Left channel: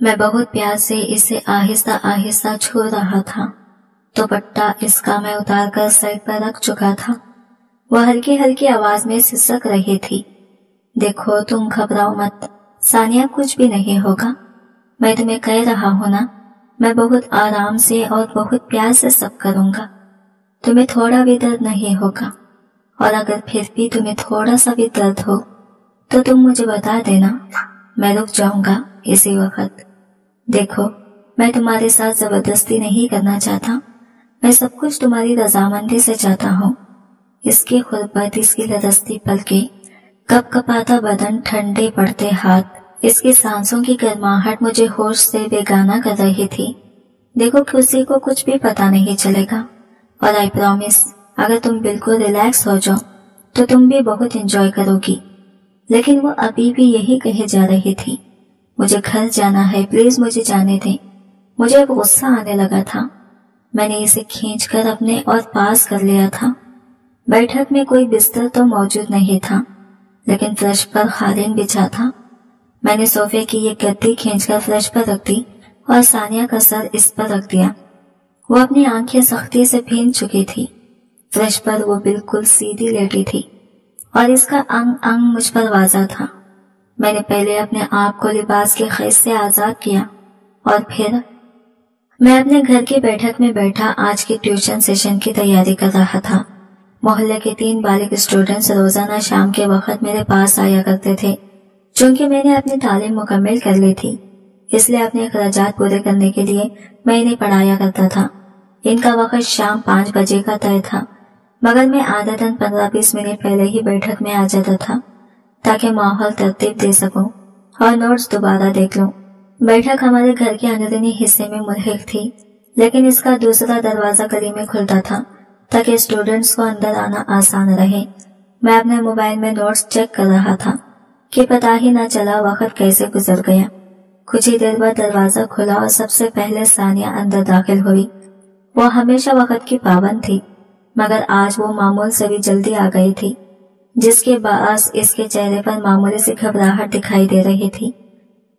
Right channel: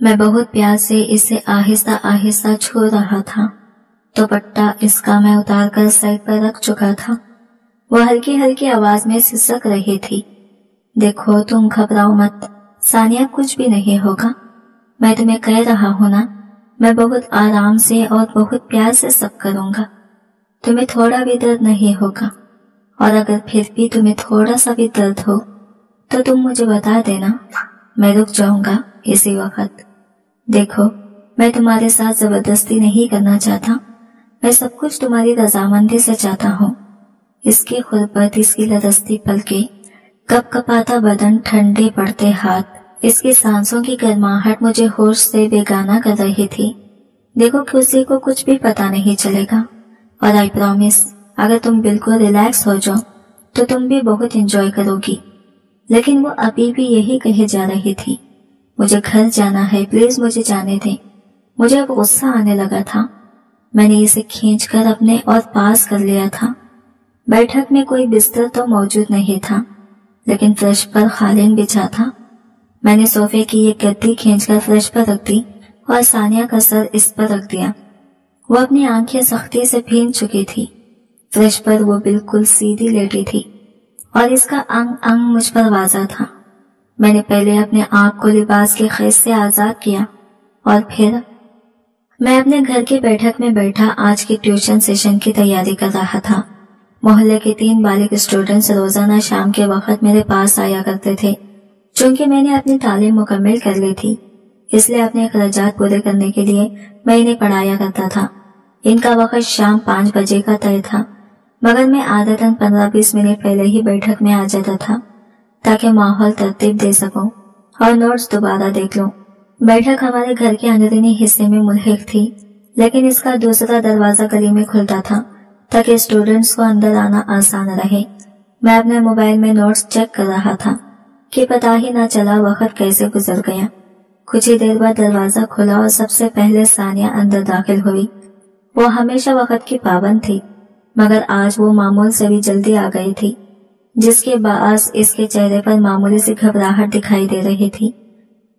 میں بہت پیار سے اسے آہستہ آہستہ چھو رہا تھا۔ دوپٹہ اس کا میں اتار کر سائڈ پر رکھ چکا تھا۔ وہ ہلکی ہلکی آواز میں سسک رہی تھی، دیکھو تم گھبراؤ مت ثانیہ، کچھ بھی نہیں ہوگا، میں تمہیں کہہ رہا ہوں نا، میں بہت آرام سے اور بہت پیار سے سب کروں گا، تمہیں تھوڑا بھی درد نہیں ہوگا، اور اگر پھر بھی تمہیں تھوڑا سا بھی درد ہو تو تم مجھے بتا دینا، میں رک جاؤں گا اسی وقت۔ دیکھو میں تمہارے ساتھ زبردستی نہیں کرنا چاہتا، میں سب کچھ تمہاری رضامندی سے چاہتا ہوں۔ اس کی غربت، اس کی لرزتی پلکیں، کپ کپاتا بدن، ٹھنڈے پڑتے ہاتھ، اس کی سانسوں کی گرماہٹ مجھے ہوش سے بیگانہ کر رہی تھی۔ دیکھو کسی کو کچھ بھی پتا نہیں چلے گا، اور آئی پرامیس اگر تم بالکل ریلیکس ہو جاؤ تو تم بھی بہت انجوائے کرو گی۔ لیکن وہ ابھی بھی یہی کہے جا رہی تھی، مجھے گھر جانا ہے، پلیز مجھے جانے دیں۔ مجھے اب غصہ آنے لگا تھا۔ میں نے اسے کھینچ کر اپنے اور پاس کر لیا تھا۔ بیٹھک میں کوئی بستر تو موجود نہیں تھا، لیکن فرش پر قالین بچھا تھا۔ میں نے صوفے کی ایک گدی کھینچ کر فرش پر رکھ دی اور ثانیہ کا سر اس پر رکھ دیا۔ وہ اپنی آنکھیں سختی سے بھیگ چکی تھی۔ فرش پر وہ بالکل سیدھی لیٹی تھی اور اس کا انگ انگ مجھ پر واضح تھا۔ میں نے پہلے اپنے آپ کو لباس کے قید سے آزاد کیا اور پھر میں اپنے گھر کی بیٹھک میں بیٹھا آج کے ٹیوشن سیشن کی تیاری کر رہا تھا۔ محلے کے 3 بالغ اسٹوڈنٹس روزانہ شام کے وقت میرے پاس آیا کرتے تھے۔ چونکہ میں نے اپنی تعلیم مکمل کر لی تھی، اس لیے اپنے اخراجات پورے کرنے کے لیے میں انہیں پڑھایا کرتا تھا۔ ان کا وقت شام 5 بجے کا طے تھا، مگر میں عادتاً 15-20 منٹ پہلے ہی بیٹھک میں آ جاتا تھا تاکہ ماحول ترتیب دے سکوں اور نوٹس دوبارہ دیکھ لوں۔ بیٹھک ہمارے گھر کے اندرونی حصے میں ملحق تھی، لیکن اس کا دوسرا دروازہ گلی میں کھلتا تھا تاکہ اسٹوڈنٹس کو اندر آنا آسان رہے۔ میں اپنے موبائل میں نوٹس چیک کر رہا تھا کہ پتہ ہی نہ چلا وقت کیسے گزر گیا۔ کچھ ہی دیر بعد دروازہ کھلا اور سب سے پہلے ثانیہ اندر داخل ہوئی۔ وہ ہمیشہ وقت کی پابند تھی، مگر آج وہ معمول سے بھی جلدی آ گئی تھی، جس کے باعث اس کے چہرے پر معمولی سی گھبراہٹ دکھائی دے رہی تھی،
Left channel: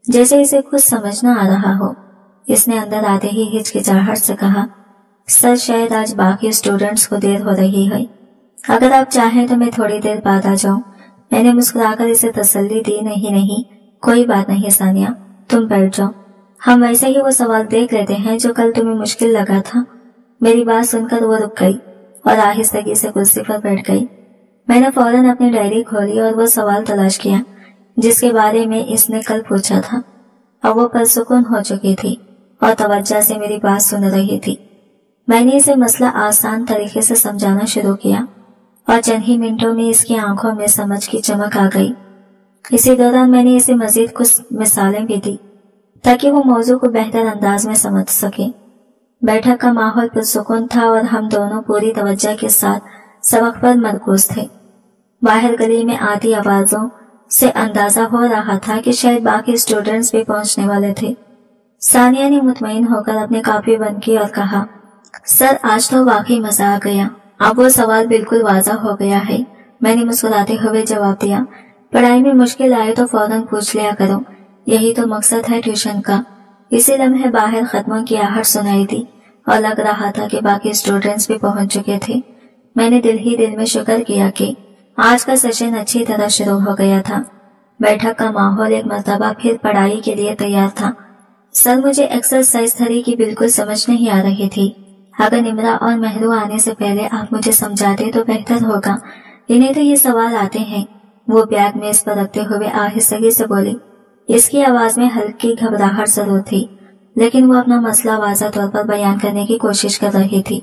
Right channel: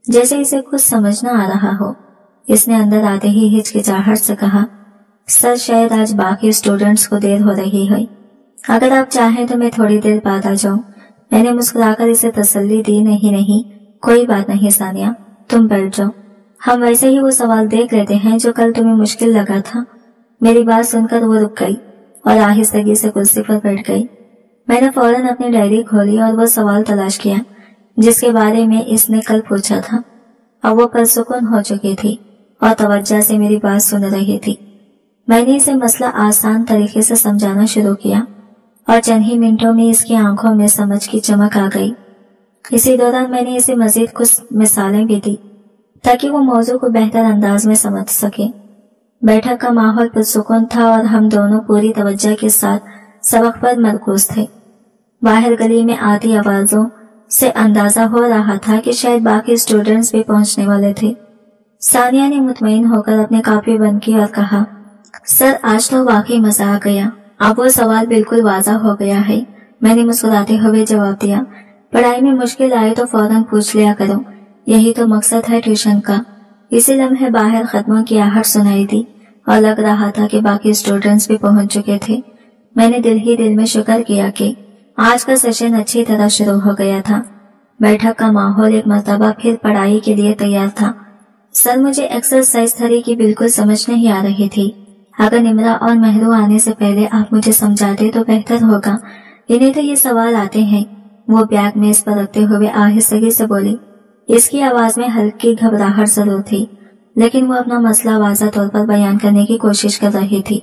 جیسے اسے کچھ سمجھ نہ آ رہا ہو۔ اس نے اندر آتے ہی ہچکچاہٹ سے کہا، سر شاید آج باقی اسٹوڈنٹس کو دیر ہو رہی ہے، اگر آپ چاہیں تو میں تھوڑی دیر بعد آ جاؤں۔ میں نے مسکرا کر اسے تسلی دی، نہیں کوئی بات نہیں ثانیہ، تم بیٹھ جاؤ، ہم ویسے ہی وہ سوال دیکھ لیتے ہیں جو کل تمہیں مشکل لگا تھا۔ میری بات سن کر وہ رک گئی اور آہستگی سے کرسی پر بیٹھ گئی۔ میں نے فوراً اپنی ڈائری کھولی اور وہ سوال تلاش کیا جس کے بارے میں اس نے کل پوچھا تھا۔ اب وہ پرسکون ہو چکی تھی اور توجہ سے میری بات سن رہی تھی۔ میں نے اسے مسئلہ آسان طریقے سے سمجھانا شروع کیا اور چند ہی منٹوں میں اس کی آنکھوں میں سمجھ کی چمک آ گئی۔ اسی دوران میں نے اسے مزید کچھ مثالیں بھی دی تاکہ وہ موضوع کو بہتر انداز میں سمجھ سکے۔ بیٹھک کا ماحول پرسکون تھا اور ہم دونوں پوری توجہ کے ساتھ سبق پر مرکوز تھے۔ باہر گلی میں آتی آوازوں سے اندازہ ہو رہا تھا کہ شاید باقی اسٹوڈنٹس بھی پہنچنے والے تھے۔ ثانیہ نے مطمئن ہو کر اپنی کاپی بند کی اور کہا، سر آج تو واقعی مزہ آ گیا، اب وہ سوال بالکل واضح ہو گیا ہے۔ میں نے مسکراتے ہوئے جواب دیا، پڑھائی میں مشکل آئے تو فوراً پوچھ لیا کرو، یہی تو مقصد ہے ٹیوشن کا۔ اسی لمحے باہر قدموں کی آہٹ سنائی دی اور لگ رہا تھا کہ باقی اسٹوڈنٹس بھی پہنچ چکے تھے۔ میں نے دل ہی دل میں شکر کیا کہ آج کا سیشن اچھی طرح شروع ہو گیا تھا۔ بیٹھک کا ماحول ایک مرتبہ پھر پڑھائی کے لیے تیار تھا۔ سر مجھے ایکسرسائز 3 کی بالکل سمجھ نہیں آ رہی تھی، اگر نمرا اور مہرو آنے سے پہلے آپ مجھے سمجھاتے تو بہتر ہوگا، انہیں تو یہ سوال آتے ہیں۔ وہ بیگ میز پر رکھتے ہوئے آہستگی سے بولی۔ اس کی آواز میں ہلکی گھبراہٹ ضرور تھی، لیکن وہ اپنا مسئلہ واضح طور پر بیان کرنے کی کوشش کر رہی تھی۔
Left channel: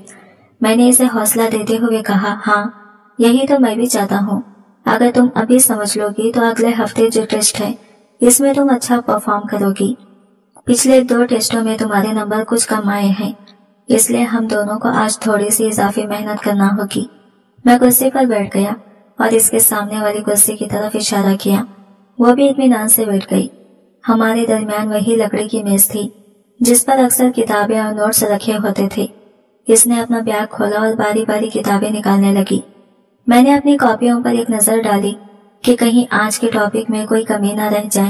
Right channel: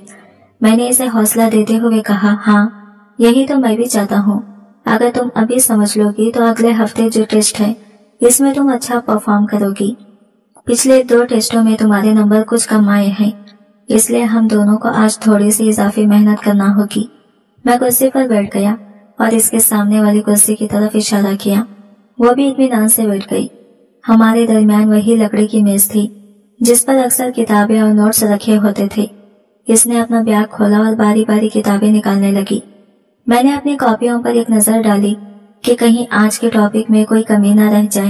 میں نے اسے حوصلہ دیتے ہوئے کہا، ہاں یہی تو میں بھی چاہتا ہوں، اگر تم ابھی سمجھ لو گی تو اگلے ہفتے جو ٹیسٹ ہے اس میں تم اچھا پرفارم کرو گی۔ پچھلے 2 ٹیسٹوں میں تمہارے نمبر کچھ کم آئے ہیں، اس لیے ہم دونوں کو آج تھوڑی سی اضافی محنت کرنا ہوگی۔ میں کرسی پر بیٹھ گیا اور اس کے سامنے والی کرسی کی طرف اشارہ کیا۔ وہ بھی اطمینان سے بیٹھ گئی۔ ہمارے درمیان وہی لکڑی کی میز تھی جس پر اکثر کتابیں اور نوٹس رکھے ہوتے تھے۔ اس نے اپنا بیگ کھولا اور باری باری کتابیں نکالنے لگی۔ میں نے اپنی کاپیوں پر ایک نظر ڈالی کہ کہیں آج کے ٹاپک میں کوئی کمی نہ رہ جائے۔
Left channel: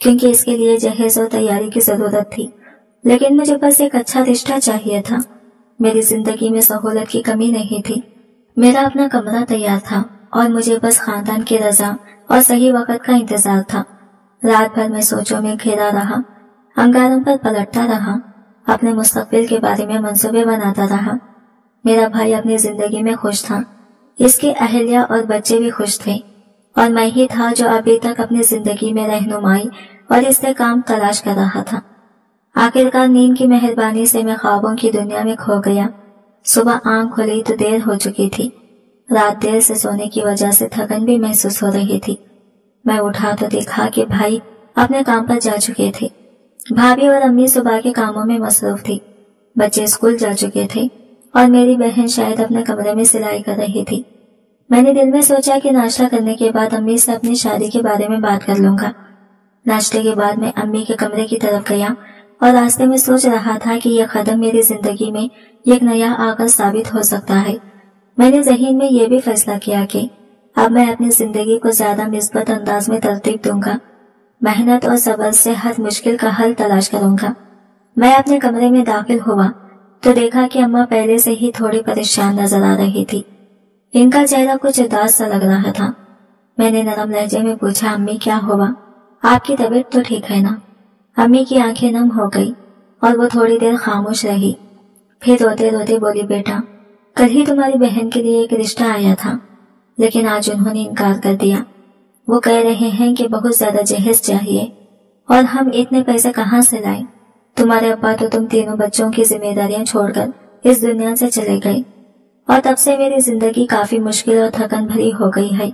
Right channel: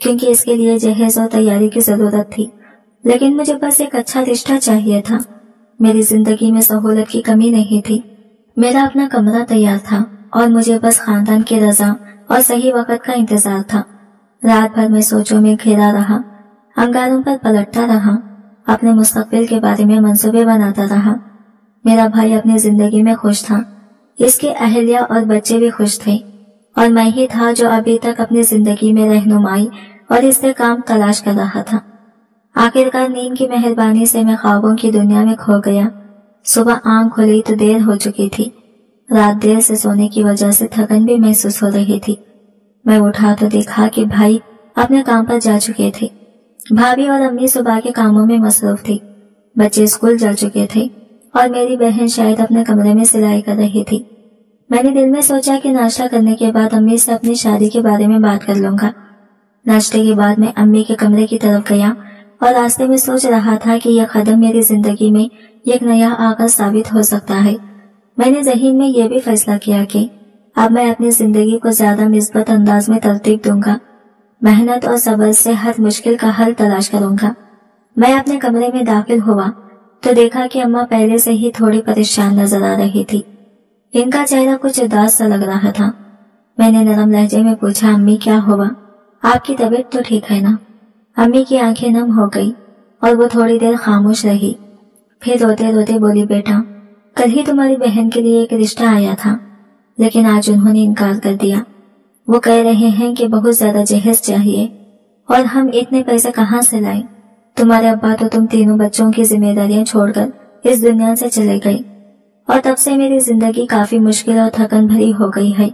کیونکہ اس کے لیے جہیز اور تیاری کی ضرورت تھی، لیکن مجھے بس ایک اچھا رشتہ چاہیے تھا۔ میری زندگی میں سہولت کی کمی نہیں تھی، میرا اپنا کمرہ تیار تھا اور مجھے بس خاندان کی رضا اور صحیح وقت کا انتظار تھا۔ رات بھر میں سوچوں میں گھرا رہا، انگاروں پر پلٹتا رہا، اپنے مستقبل کے بارے میں منصوبے بناتا رہا۔ میرا بھائی اپنی زندگی میں خوش تھا، اس کے اہلیہ اور بچے بھی خوش تھے، اور میں ہی تھا جو ابھی تک اپنی زندگی میں رہنمائی اور استحکام تلاش کر رہا تھا۔ آخرکار نیند کی مہربانی سے میں خوابوں کی دنیا میں کھو گیا۔ صبح آنکھ کھلی تو دیر ہو چکی تھی۔ رات دیر سے سونے کی وجہ سے تھکن بھی محسوس ہو رہی تھی۔ میں اٹھا تو دیکھا کہ بھائی اپنے کام پر جا چکے تھے، بھابھی اور امی صبح کے کاموں میں مصروف تھی، بچے اسکول جا چکے تھے اور میری بہن شاید اپنے کمرے میں سلائی کر رہی تھی۔ میں نے دل میں سوچا کہ ناشتہ کرنے کے بعد امی سے اپنی شادی کے بارے میں بات کر لوں گا۔ ناشتے کے بعد میں امی کے کمرے کی طرف گیا اور راستے میں سوچ رہا تھا کہ یہ قدم میری زندگی میں ایک نیا آغاز ثابت ہو سکتا ہے۔ میں نے ذہن میں یہ بھی فیصلہ کیا کہ اب میں اپنی زندگی کو زیادہ مثبت انداز میں ترتیب دوں گا، محنت اور صبر سے ہر مشکل کا حل تلاش کروں گا۔ میں اپنے کمرے میں داخل ہوا تو دیکھا کہ اماں پہلے سے ہی تھوڑی پریشان نظر آ رہی تھی۔ ان کا چہرہ کچھ اداس سا لگ رہا تھا۔ میں نے نرم لہجے میں پوچھا، امی کیا ہوا؟ آپ کی طبیعت تو ٹھیک ہے نا؟ امی کی آنکھیں نم ہو گئی اور وہ تھوڑی دیر خاموش رہی، پھر روتے روتے بولی، بیٹا کل ہی تمہاری بہن کے لیے ایک رشتہ آیا تھا، لیکن آج انہوں نے انکار کر دیا۔ وہ کہہ رہے ہیں کہ بہت زیادہ جہیز چاہیے، اور ہم اتنے پیسے کہاں سے لائیں؟ تمہارے ابا تو تم تینوں بچوں کی ذمہ داریاں چھوڑ کر اس دنیا سے چلے گئے، اور تب سے میری زندگی کافی مشکل اور تھکن بھری ہو گئی ہے۔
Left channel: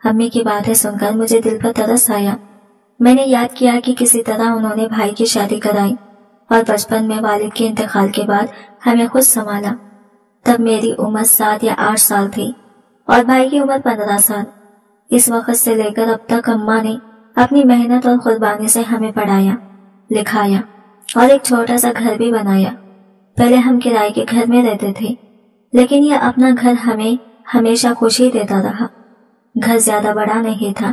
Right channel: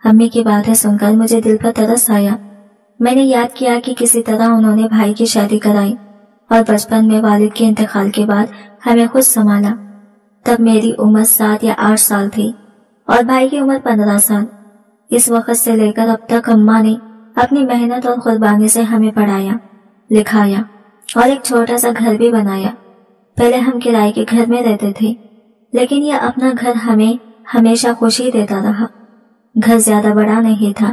امی کی باتیں سن کر مجھے دل پر ترس آیا۔ میں نے یاد کیا کہ کسی طرح انہوں نے بھائی کی شادی کرائی اور بچپن میں والد کے انتقال کے بعد ہمیں خود سنبھالا۔ تب میری عمر 7 یا 8 سال تھی اور بھائی کی عمر 15 سال۔ اس وقت سے لے کر اب تک اماں نے اپنی محنت اور قربانی سے ہمیں پڑھایا، لکھایا اور ایک چھوٹا سا گھر بھی بنایا۔ پہلے ہم کرائے کے گھر میں رہتے تھے، لیکن یہ اپنا گھر ہمیں ہمیشہ خوشی دیتا رہا۔ گھر زیادہ بڑا نہیں تھا،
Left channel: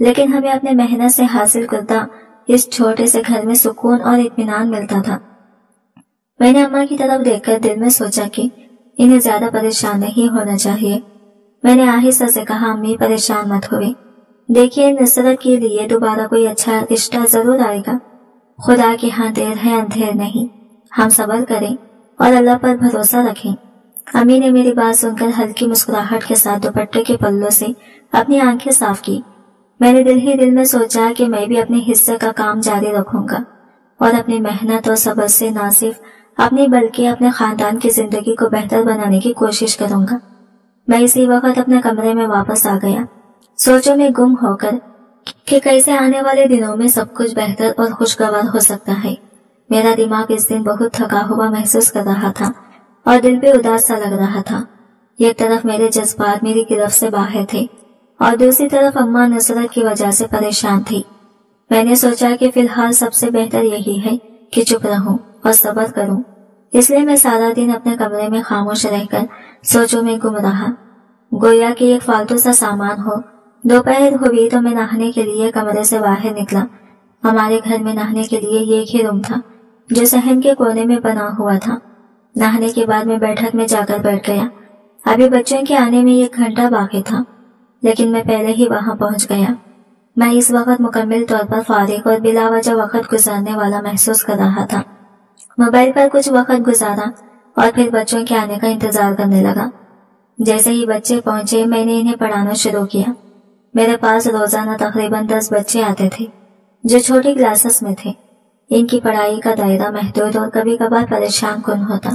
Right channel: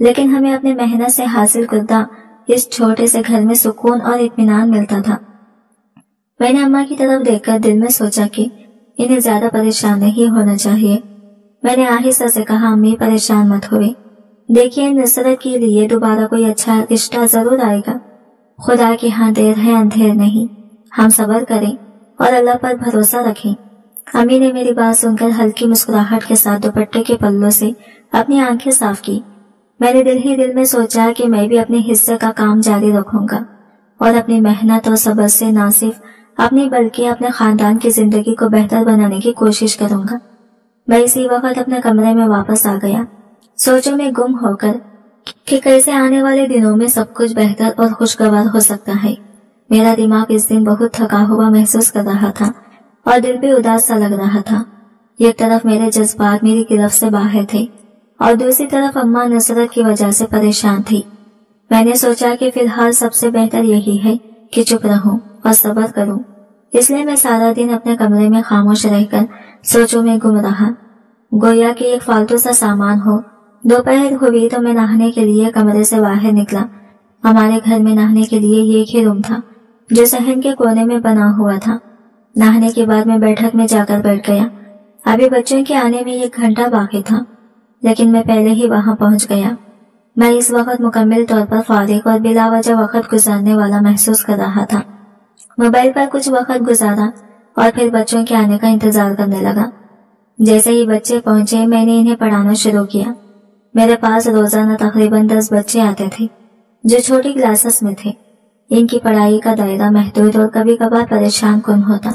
لیکن ہمیں اپنے محنت سے حاصل کردہ اس چھوٹے سے گھر میں سکون اور اطمینان ملتا تھا۔ میں نے اماں کی طرف دیکھ کر دل میں سوچا کہ انہیں زیادہ پریشان نہیں ہونا چاہیے۔ میں نے آہستہ سے کہا، امی پریشان مت ہوئے، دیکھیے نصرت کے لیے دوبارہ کوئی اچھا رشتہ ضرور آئے گا۔ خدا کے ہاں دیر ہے اندھیر نہیں، ہم صبر کریں اور اللہ پر بھروسہ رکھیں۔ امی نے میری بات سن کر ہلکی مسکراہٹ کے ساتھ دوپٹے کے پلوں سے اپنی آنکھیں صاف کی۔ میں نے دل ہی دل میں سوچا کہ میں بھی اپنے حصے کا کام جاری رکھوں گا اور اپنی محنت اور صبر سے نہ صرف اپنی بلکہ اپنے خاندان کی زندگی کو بہتر بنانے کی کوشش کروں گا۔ میں اسی وقت اپنے کمرے میں واپس آ گیا، سوچوں میں گم ہو کر کہ کیسے آنے والے دنوں میں سب کچھ بہتر اور خوشگوار ہو سکتا ہے۔ میرا دماغ اس دن بہت تھکا ہوا محسوس کر رہا تھا اور دل پہ اداس سا لگ رہا تھا۔ ایک طرف میرے جذبات میری گرفت سے باہر تھے اور دوسری طرف اماں نصرت کی وجہ سے پریشان تھی۔ میں نے سوچا کہ فی الحال سب سے بہتر یہی ہے کہ چپ رہوں اور صبر کروں، اس لیے میں سارا دن اپنے کمرے میں خاموش رہ کر سوچوں میں گم رہا، گویا کہ ایک فالتو سا سامان ہو۔ دوپہر ہوئی تو میں نہانے کے لیے کمرے سے باہر نکلا۔ ہمارے گھر میں نہانے کے لیے ایک ہی روم تھا جو صحن کے کونے میں بنا ہوا تھا۔ نہانے کے بعد میں بیٹھک میں جا کر بیٹھ گیا۔ ابھی بچوں کے آنے میں 1 گھنٹہ باقی تھا، لیکن میں پہلے ہی وہاں پہنچ گیا۔ میں اس وقت مکمل طور پر فارغ اور بلا وجہ وقت گزارنے والا محسوس کر رہا تھا۔ موبائل پر کچھ وقت گزارا اور پھر بچوں کے آنے کا انتظار کرنے لگا۔ جیسے ہی بچے پہنچے میں نے انہیں پڑھانا شروع کیا۔ میرے پاس روزانہ تقریباً 10 بچے آتے تھے جو چھوٹی کلاسز میں تھے۔ ان کی پڑھائی کا دائرہ محدود اور کبھی کبھار پریشان کن ہوتا،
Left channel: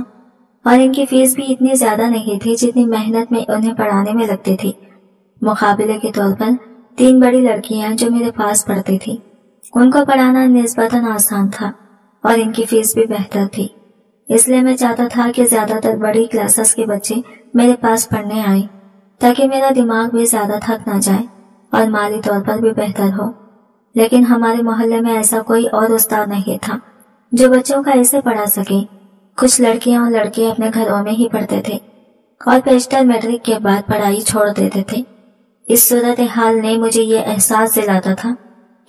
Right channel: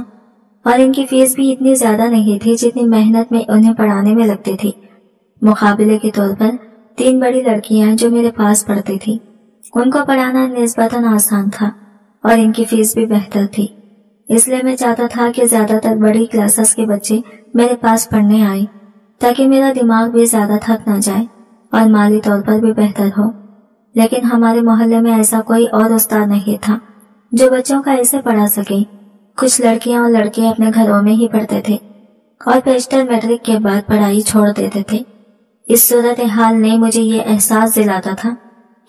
اور ان کی فیس بھی اتنی زیادہ نہیں تھی جتنی محنت میں انہیں پڑھانے میں لگتی تھی۔ مقابلے کے طور پر 3 بڑی لڑکیاں جو میرے پاس پڑھتی تھی، ان کو پڑھانا نسبتاً آسان تھا اور ان کی فیس بھی بہتر تھی۔ اس لیے میں چاہتا تھا کہ زیادہ تر بڑی کلاسز کے بچے میرے پاس پڑھنے آئے تاکہ میرا دماغ بھی زیادہ تھک نہ جائے اور مالی طور پر بھی بہتر ہو۔ لیکن ہمارے محلے میں ایسا کوئی اور استاد نہیں تھا جو بچوں کا ایسے پڑھا سکے۔ کچھ لڑکیاں اور لڑکے اپنے گھروں میں ہی پڑھتے تھے اور بیشتر میٹرک کے بعد پڑھائی چھوڑ دیتے تھے۔ اس صورتحال نے مجھے یہ احساس دلاتا تھا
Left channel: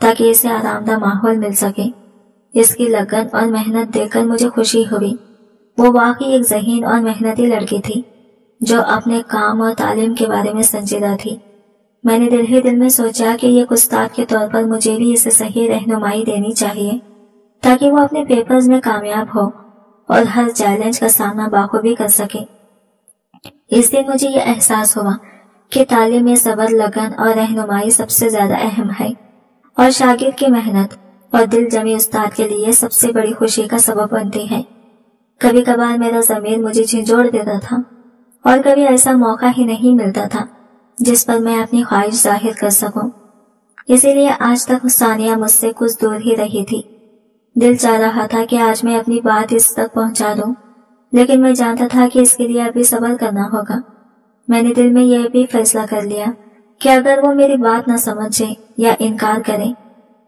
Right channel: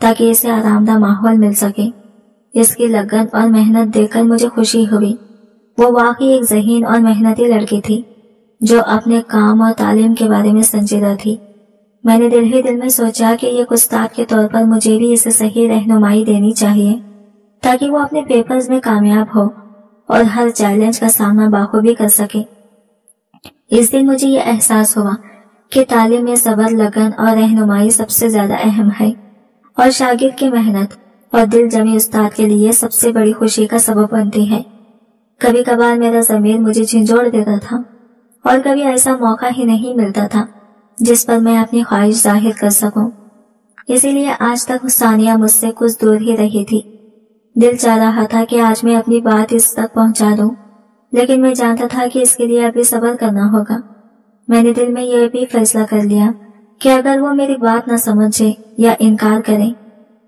تاکہ اسے آرام دہ ماحول مل سکے۔ اس کی لگن اور محنت دیکھ کر مجھے خوشی ہوئی۔ وہ واقعی ایک ذہین اور محنتی لڑکی تھی جو اپنے کام اور تعلیم کے بارے میں سنجیدہ تھی۔ میں نے دل ہی دل میں سوچا کہ ایک استاد کے طور پر مجھے بھی اسے صحیح رہنمائی دینی چاہیے تاکہ وہ اپنے پیپرز میں کامیاب ہو اور ہر چیلنج کا سامنا بخوبی کر سکے۔ اس دن مجھے یہ احساس ہوا کہ تعلیم میں صبر، لگن اور رہنمائی سب سے زیادہ اہم ہے، اور شاگرد کی محنت اور دل جمی استاد کے لیے سب سے بڑی خوشی کا سبب بنتی ہے۔ کبھی کبھار میرا ضمیر مجھے جھنجھوڑ دیتا تھا اور کبھی ایسا موقع ہی نہیں ملتا تھا جس پر میں اپنی خواہش ظاہر کر سکوں۔ اسی لیے آج تک ثانیہ مجھ سے کچھ دور ہی رہی تھی۔ دل چاہ رہا تھا کہ آج میں اپنی بات اس تک پہنچا دوں، لیکن میں جانتا تھا کہ اس کے لیے ابھی صبر کرنا ہوگا۔ میں نے دل میں یہ بھی فیصلہ کر لیا کہ اگر وہ میری بات نہ سمجھے یا انکار کرے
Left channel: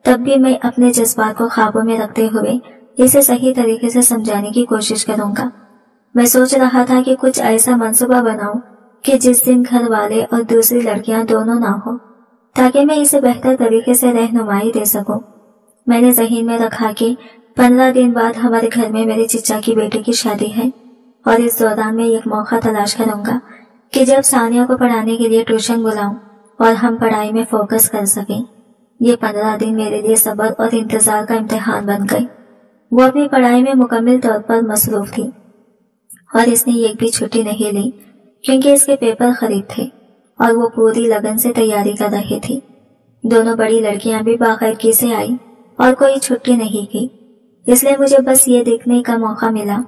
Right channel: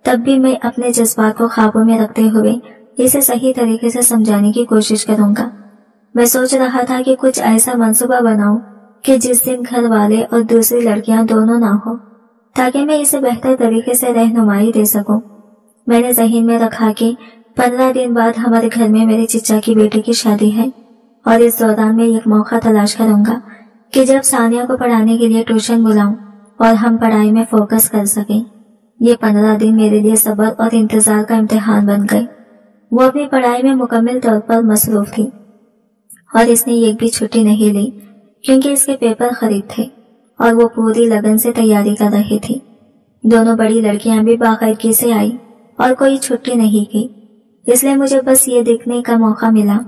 تب بھی میں اپنے جذبات کو قابو میں رکھتے ہوئے اسے صحیح طریقے سے سمجھانے کی کوشش کروں گا۔ میں سوچ رہا تھا کہ کچھ ایسا منصوبہ بناؤں کہ جس دن گھر والے اور دوسری لڑکیاں دونوں نہ ہو، تاکہ میں اسے بہتر طریقے سے رہنمائی دے سکوں۔ میں نے ذہن میں رکھا کہ 15 دن بعد ہمارے گھر میں میرے چچا کی بیٹی کی شادی ہے، اور اس دوران میں ایک موقع تلاش کروں گا کہ جب ثانیہ کو پڑھانے کے لیے ٹیوشن بلاؤں اور ہم پڑھائی میں فوکس کر سکیں۔ یہ 15 دن میرے لیے صبر اور انتظار کا امتحان بن گئے۔ وہ اپنی پڑھائی میں مکمل طور پر مصروف تھی اور اس نے ایک بھی چھٹی نہیں لی کیونکہ اس کے پیپر قریب تھے اور وہ پوری لگن سے تیاری کر رہی تھی۔ دونوں بڑی لڑکیاں بھی باقاعدگی سے آئی اور کوئی چھٹی نہیں کی، اس لیے مجھے بس یہ دیکھنے کا موقع ملا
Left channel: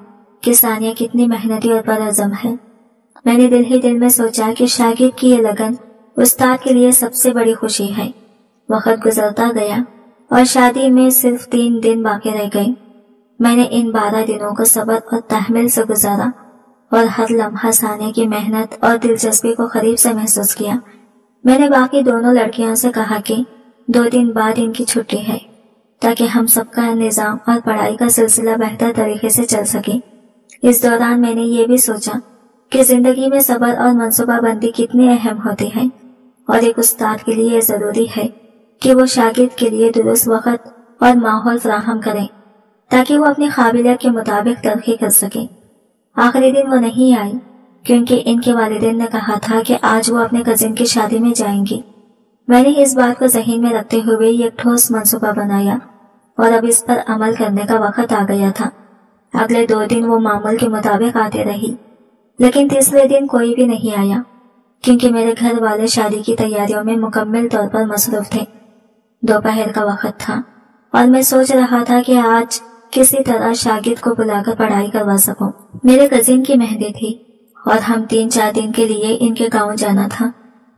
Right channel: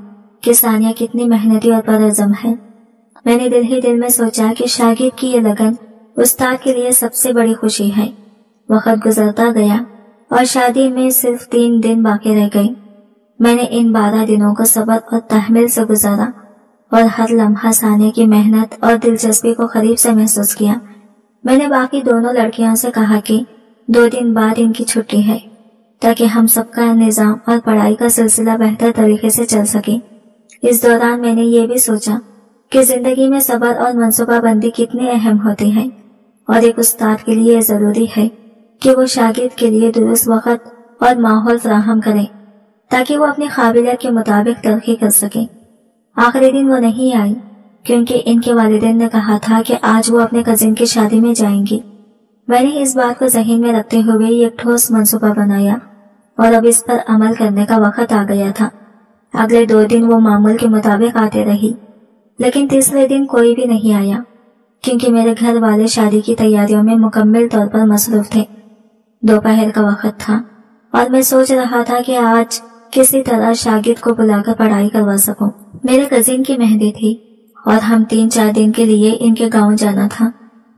کہ ثانیہ کتنی محنتی اور پرعزم ہے۔ میں نے دل ہی دل میں سوچا کہ شاگرد کی یہ لگن استاد کے لیے سب سے بڑی خوشی ہے۔ وقت گزرتا گیا اور شادی میں صرف 3 دن باقی رہ گئے۔ میں نے ان 12 دنوں کو صبر اور تحمل سے گزارا اور ہر لمحہ ثانیہ کی محنت اور دلچسپی کو قریب سے محسوس کیا۔ میں نے باقی دونوں لڑکیوں سے کہا کہ 2 دن بعد ان کی چھٹی ہے تاکہ ہم سب کا نظام اور پڑھائی کا سلسلہ بہتر طریقے سے چل سکے۔ اس دوران میں نے یہ بھی سوچا کہ زندگی میں صبر اور منصوبہ بندی کتنی اہم ہوتی ہے، اور ایک استاد کے لیے ضروری ہے کہ وہ شاگرد کے لیے درست وقت اور ماحول فراہم کریں تاکہ وہ اپنی قابلیت کے مطابق ترقی کر سکے۔ آخری دن وہ نہیں آئی کیونکہ ان کے والدین نے کہا تھا کہ آج وہ اپنے کزن کی شادی میں جائیں گی۔ میں نے اس بات کو ذہن میں رکھتے ہوئے ایک ٹھوس منصوبہ بنایا اور اب اس پر عمل کرنے کا وقت آ گیا تھا۔ اگلے 2 دن وہ معمول کے مطابق آتے رہی، لیکن تیسرے دن کوئی بھی نہیں آیا کیونکہ میرے گھر والے شادی کی تیاریوں میں مکمل طور پر مصروف تھے۔ دوپہر کا وقت تھا اور میں سوچ رہا تھا کہ آج کسی طرح شاگرد کو بلا کر پڑھائی کروا سکوں۔ میرے کزن کی مہندی تھی اور ہم 3-4 دن کے لیے ان کے گاؤں جانا تھا۔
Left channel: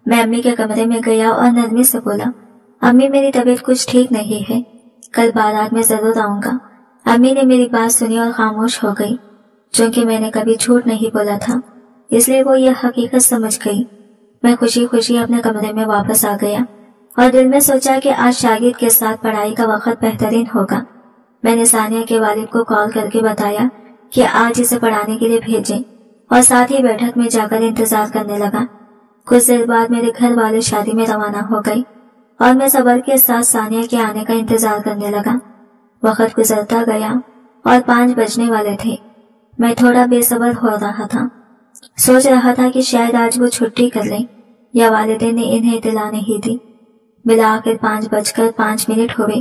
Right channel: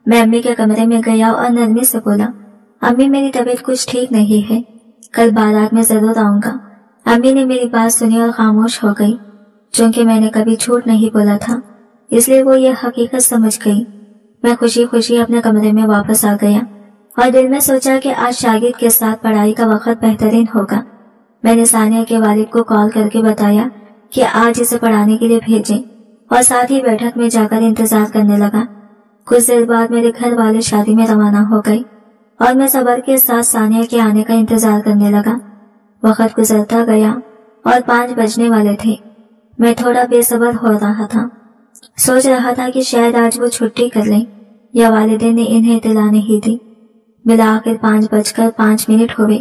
میں امی کے کمرے میں گیا اور نرمی سے بولا، امی میری طبیعت کچھ ٹھیک نہیں ہے، کل بارات میں ضرور آؤں گا۔ امی نے میری بات سنی اور خاموش ہو گئی۔ چونکہ میں نے کبھی جھوٹ نہیں بولا تھا اس لیے وہ یہ حقیقت سمجھ گئی۔ میں خوشی خوشی اپنے کمرے میں واپس آ گیا اور دل میں سوچا کہ آج شاگرد کے ساتھ پڑھائی کا وقت بہترین ہوگا۔ میں نے ثانیہ کے والد کو کال کر کے بتایا کہ آج اسے پڑھانے کے لیے بھیجیں اور ساتھ ہی بیٹھک میں جا کر انتظار کرنے لگا۔ کچھ دیر بعد میرے گھر والے شادی میں روانہ ہو گئے اور میں صبر کے ساتھ ثانیہ کے آنے کا انتظار کرنے لگا۔ وقت گزرتا گیا اور 5 بجنے والے تھے۔ میں تھوڑا بے صبر ہو رہا تھا، سوچ رہا تھا کہ شاید آج وہ چھٹی کر لیں یا والدین نے انہیں اطلاع نہیں دی۔ بالآخر 5:05 ہوئے۔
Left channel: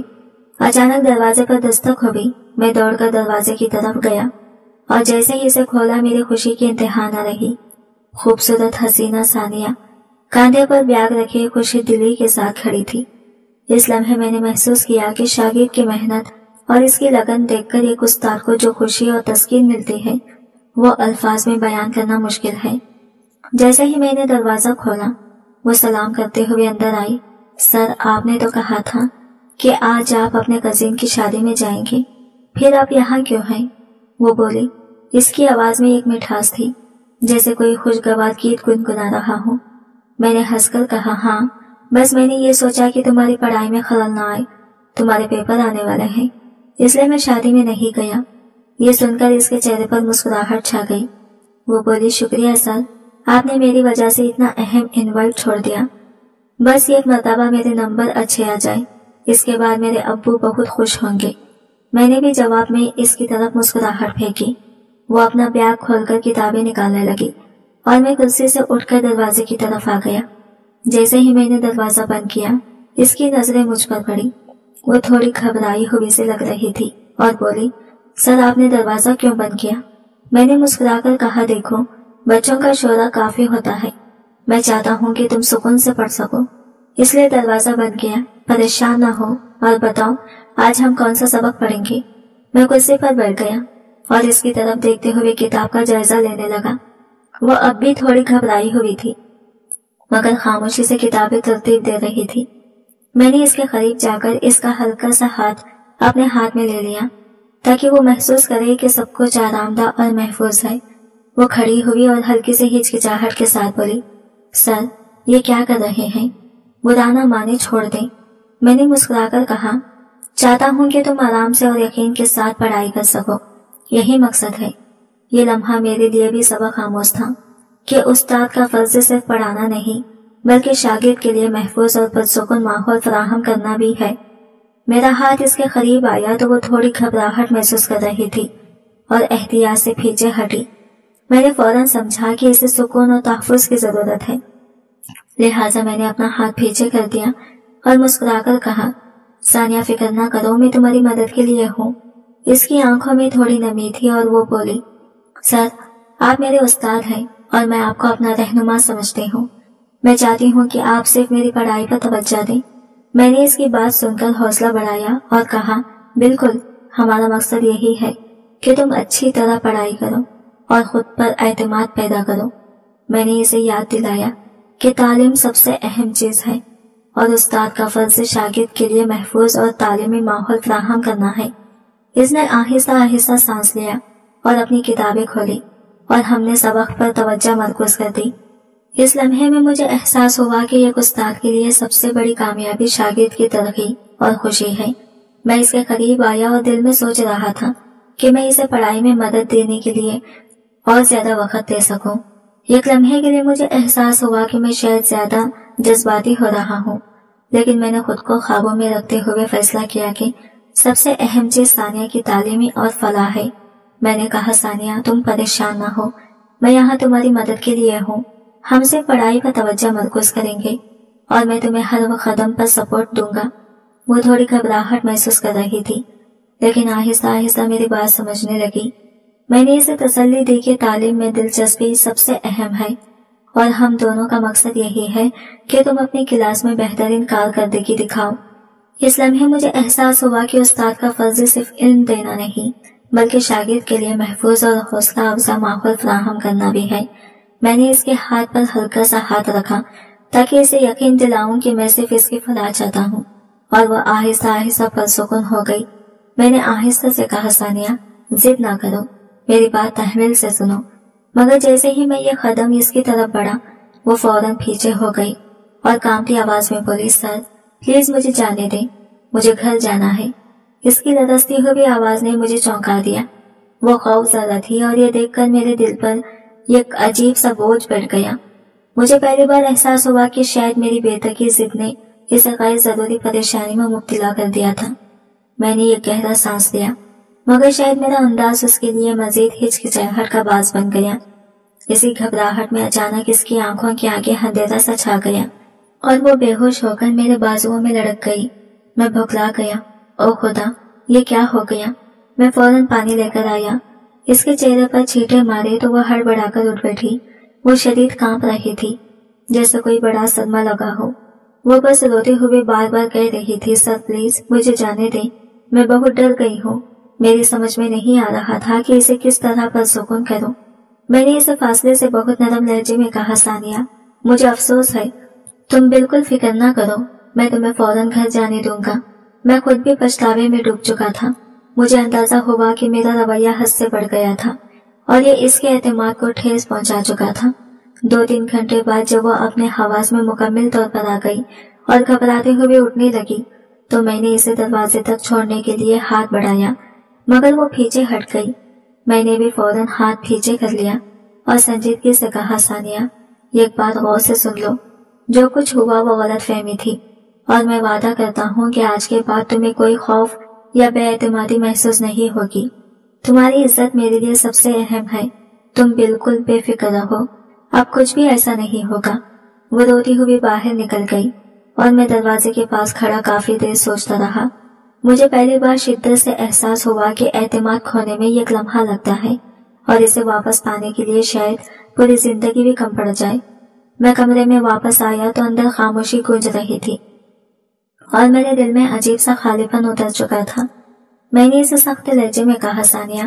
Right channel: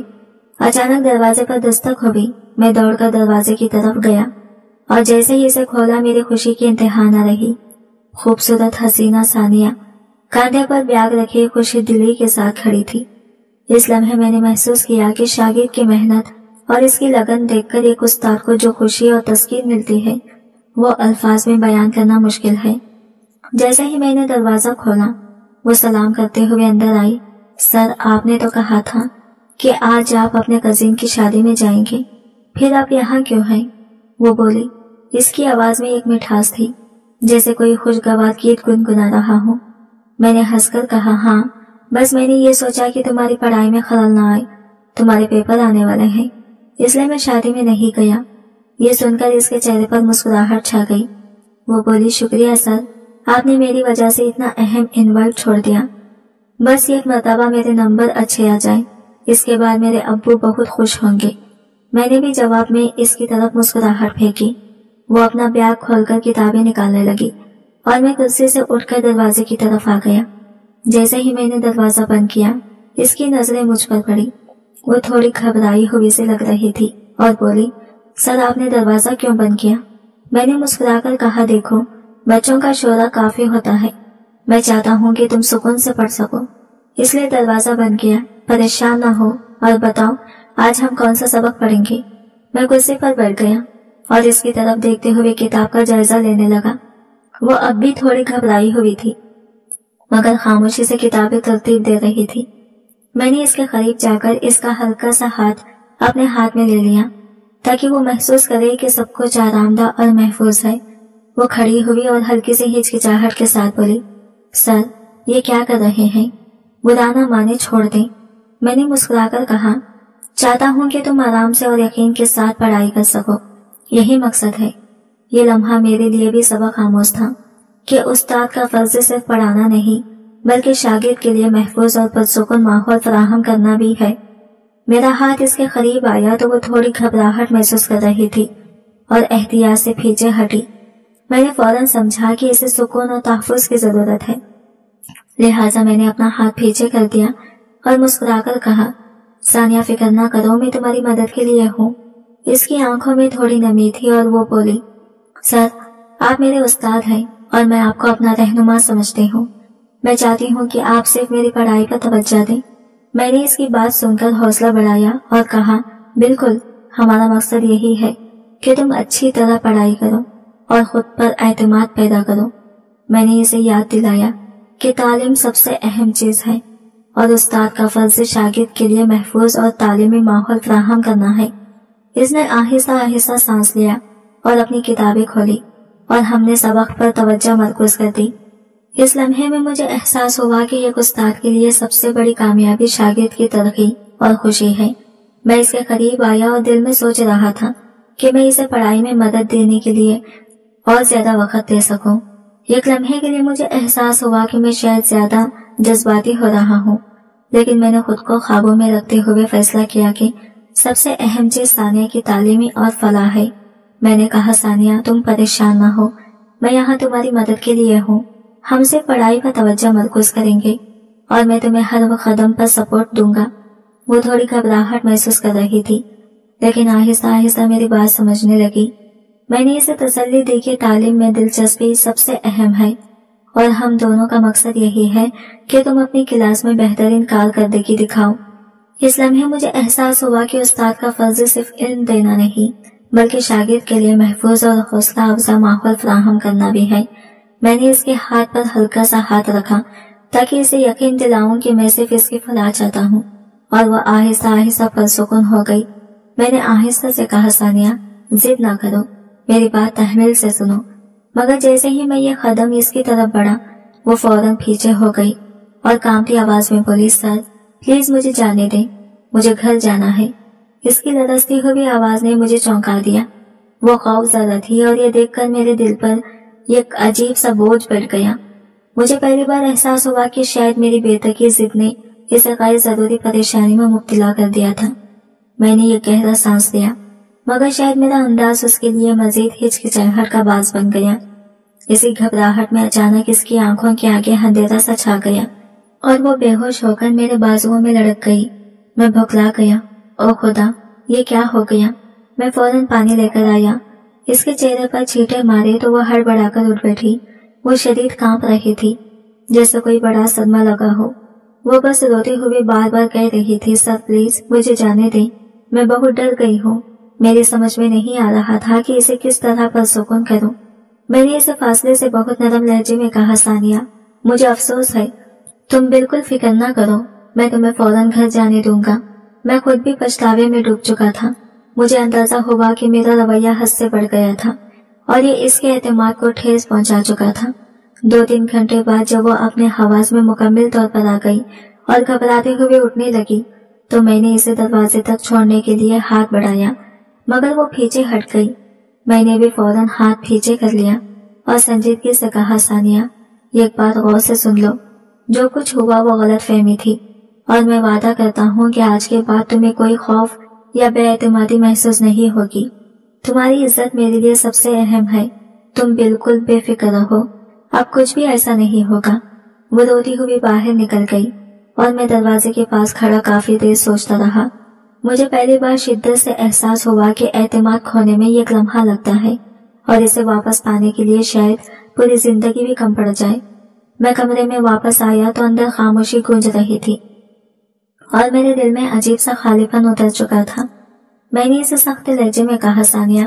اچانک دروازے پر دستک ہو گئی۔ میں دوڑ کر دروازے کی طرف گیا اور جیسے ہی اسے کھولا میری خوشی کی انتہا نہ رہی۔ خوبصورت حسینہ ثانیہ کاندھے پر بیاگ رکھے خوشی دلی کے ساتھ کھڑی تھی۔ اس لمحے میں نے محسوس کیا کہ شاگرد کی محنت اور اس کی لگن دیکھ کر ایک استاد کو جو خوشی اور تسکین ملتی ہے وہ الفاظ میں بیان کرنا مشکل ہے۔ جیسے ہی میں نے دروازہ کھولا وہ سلام کرتے ہوئے اندر آئی۔ سر، آپ نے تو کہا تھا کہ آج آپ اپنے کزن کی شادی میں جائیں گے، پھر آپ یہاں کیوں ہیں؟ وہ بولی۔ اس کی آواز میں ایک مٹھاس تھی جیسے کوئی خوشگوار گیت گنگنا رہا ہو۔ میں نے ہنس کر کہا، ہاں بس میں نے یہ سوچا کہ تمہاری پڑھائی میں خلل نہ آئے، تمہارے پیپر آنے والے ہیں، اس لیے میں شادی میں نہیں گیا۔ یہ سن کر اس کے چہرے پر مسکراہٹ چھا گئی۔ وہ بولی، شکریہ سر، آپ نے میری وجہ سے اتنا اہم انوائٹ چھوڑ دیا۔ بس ایک مرتبہ میرے نمبر اچھے آ جائیں اس کے بعد میرے ابو بہت خوش ہوں گے۔ میں نے بھی جواب میں اس کی طرف مسکراہٹ پھینکی۔ وہ اپنا بیگ کھول کر کتابیں نکالنے لگی اور میں کرسی سے اٹھ کر دروازے کی طرف آ گیا۔ جیسے ہی میں نے دروازہ بند کیا اس کی نظریں مجھ پر پڑی۔ وہ تھوڑی گھبرائی ہوئی سے لگ رہی تھی اور بولی، سر آپ نے دروازہ کیوں بند کیا؟ میں نے مسکرا کر کہا، دیکھو بچوں کا شورا کافی ہوتا ہے، میں چاہتا ہوں کہ تم سکون سے پڑھ سکو، اس لیے دروازہ بند کیا۔ پریشان نہ ہو اور بتاؤ آج ہم کون سا سبق پڑھیں گے؟ میں کرسی پر بیٹھ گیا اور اس کی طرف دیکھتے ہوئے کتاب کا جائزہ لینے لگا۔ وہ اب بھی تھوڑی گھبرائی ہوئی تھی مگر خاموشی سے کتابیں ترتیب دے رہی تھی۔ میں نے اس کے قریب جا کر اس کا ہلکا سا ہاتھ اپنے ہاتھ میں لے لیا تاکہ وہ محسوس کرے کہ سب کچھ آرام دہ اور محفوظ ہے۔ وہ کھڑی ہوئی اور ہلکی سے ہچکچاہٹ کے ساتھ بولی، سر یہ کیا کر رہے ہیں؟ برا نہ مانے چھوڑ دیں۔ میں نے مسکرا کر کہا، چاہتا ہوں کہ تم آرام سے اور یقین کے ساتھ پڑھائی کر سکو، یہی مقصد ہے۔ یہ لمحہ میرے لیے بھی سبق آموز تھا کہ استاد کا فرض صرف پڑھانا نہیں بلکہ شاگرد کے لیے محفوظ اور پرسکون ماحول فراہم کرنا بھی ہے۔ میرا ہاتھ اس کے قریب آیا تو وہ تھوڑی گھبراہٹ محسوس کر رہی تھی اور احتیاط سے پیچھے ہٹی۔ میں نے فوراً سمجھا کہ اسے سکون اور تحفظ کی ضرورت ہے، لہٰذا میں نے اپنا ہاتھ پیچھے کر دیا اور مسکرا کر کہا، ثانیہ فکر نہ کرو، میں تمہاری مدد کے لیے ہوں۔ اس کی آنکھوں میں تھوڑی نمی تھی اور وہ بولی، سر آپ میرے استاد ہیں اور میں آپ کو اپنا رہنما سمجھتی ہوں، میں چاہتی ہوں کہ آپ صرف میری پڑھائی پر توجہ دیں۔ میں نے اس کی بات سن کر حوصلہ بڑھایا اور کہا، بالکل، ہمارا مقصد یہی ہے کہ تم اچھی طرح پڑھائی کرو اور خود پر اعتماد پیدا کرو۔ میں نے اسے یاد دلایا کہ تعلیم سب سے اہم چیز ہے اور استاد کا فرض شاگرد کے لیے محفوظ اور تعلیمی ماحول فراہم کرنا ہے۔ اس نے آہستہ آہستہ سانس لیا اور اپنی کتابیں کھولی اور ہم نے سبق پر توجہ مرکوز کر دی۔ اس لمحے میں مجھے احساس ہوا کہ ایک استاد کے لیے سب سے بڑی کامیابی شاگرد کی ترقی اور خوشی ہے۔ میں اس کے قریب آیا اور دل میں سوچ رہا تھا کہ میں اسے پڑھائی میں مدد دینے کے لیے اور زیادہ وقت دے سکوں۔ ایک لمحے کے لیے مجھے احساس ہوا کہ میں شاید زیادہ جذباتی ہو رہا ہوں، لیکن میں نے خود کو قابو میں رکھتے ہوئے فیصلہ کیا کہ سب سے اہم چیز ثانیہ کی تعلیمی اور فلاح ہے۔ میں نے کہا، ثانیہ تم پریشان نہ ہو، میں یہاں تمہاری مدد کے لیے ہوں، ہم صرف پڑھائی پر توجہ مرکوز کریں گے اور میں تمہیں ہر قدم پر سپورٹ دوں گا۔ وہ تھوڑی گھبراہٹ محسوس کر رہی تھی لیکن آہستہ آہستہ میری بات سمجھنے لگی۔ میں نے اسے تسلی دی کہ تعلیم میں دلچسپی سب سے اہم ہے اور ہم دونوں کا مقصد یہی ہے کہ تم اپنی کلاس میں بہترین کارکردگی دکھاؤ۔ اس لمحے مجھے احساس ہوا کہ استاد کا فرض صرف علم دینا نہیں بلکہ شاگرد کے لیے محفوظ اور حوصلہ افزا ماحول فراہم کرنا بھی ہے۔ میں نے اس کے ہاتھ پر ہلکا سا ہاتھ رکھا تاکہ اسے یقین دلاؤں کہ میں صرف اس کی فلاح چاہتا ہوں، اور وہ آہستہ آہستہ پرسکون ہو گئی۔ میں نے آہستہ سے کہا، ثانیہ ضد نہ کرو، میری بات تحمل سے سنو۔ مگر جیسے ہی میں یہ قدم اس کی طرف بڑھا وہ فوراً پیچھے ہو گئی اور کانپتی آواز میں بولی، سر پلیز مجھے جانے دیں، مجھے گھر جانا ہے۔ اس کی لرزتی ہوئی آواز نے مجھے چونکا دیا۔ وہ خوف زدہ تھی اور یہ دیکھ کر میرے دل پر ایک عجیب سا بوجھ بیٹھ گیا۔ مجھے پہلی بار احساس ہوا کہ شاید میری بے تکی ضد نے اسے غیر ضروری پریشانی میں مبتلا کر دیا تھا۔ میں نے یہ گہرا سانس لیا مگر شاید میرا انداز اس کے لیے مزید ہچکچاہٹ کا باعث بن گیا۔ اسی گھبراہٹ میں اچانک اس کی آنکھوں کے آگے اندھیرا سا چھا گیا اور وہ بے ہوش ہو کر میرے بازوؤں میں لڑک گئی۔ میں بھکلا گیا، او خدا یہ کیا ہو گیا؟ میں فوراً پانی لے کر آیا۔ اس کے چہرے پر چھینٹے مارے تو وہ ہڑبڑا کر اٹھ بیٹھی۔ وہ شدید کانپ رہی تھی جیسے کوئی بڑا صدمہ لگا ہو۔ وہ بس روتے ہوئے بار بار کہہ رہی تھی، سر پلیز مجھے جانے دیں، میں بہت ڈر گئی ہوں۔ میری سمجھ میں نہیں آ رہا تھا کہ اسے کس طرح پرسکون کروں۔ میں نے اسے فاصلے سے بہت نرم لہجے میں کہا، ثانیہ مجھے افسوس ہے، تم بالکل فکر نہ کرو، میں تمہیں فوراً گھر جانے دوں گا۔ میں خود بھی پچھتاوے میں ڈوب چکا تھا۔ مجھے اندازہ ہوا کہ میرا رویہ حد سے بڑھ گیا تھا اور یہ اس کے اعتماد کو ٹھیس پہنچا چکا تھا۔ 2-3 گھنٹے بعد جب وہ اپنے حواس میں مکمل طور پر آ گئی اور گھبراتے ہوئے اٹھنے لگی تو میں نے اسے دروازے تک چھوڑنے کے لیے ہاتھ بڑھایا مگر وہ پیچھے ہٹ گئی۔ میں نے بھی فوراً ہاتھ پیچھے کر لیا اور سنجیدگی سے کہا، ثانیہ ایک بات غور سے سن لو، جو کچھ ہوا وہ غلط فہمی تھی، اور میں وعدہ کرتا ہوں کہ آج کے بعد تمہیں کوئی خوف یا بے اعتمادی محسوس نہیں ہوگی۔ تمہاری عزت میرے لیے سب سے اہم ہے، تم بالکل بے فکر رہو، اب کچھ بھی ایسا نہیں ہوگا۔ وہ روتی ہوئی باہر نکل گئی اور میں دروازے کے پاس کھڑا کافی دیر سوچتا رہا۔ مجھے پہلی بار شدت سے احساس ہوا کہ اعتماد کھونے میں ایک لمحہ لگتا ہے اور اسے واپس پانے کے لیے شاید پوری زندگی بھی کم پڑ جائے۔ میں کمرے میں واپس آیا تو اندر خاموشی گونج رہی تھی اور میرے دل میں عجیب سا خالی پن اتر چکا تھا۔ میں نے اسے سخت لہجے میں کہا، ثانیہ،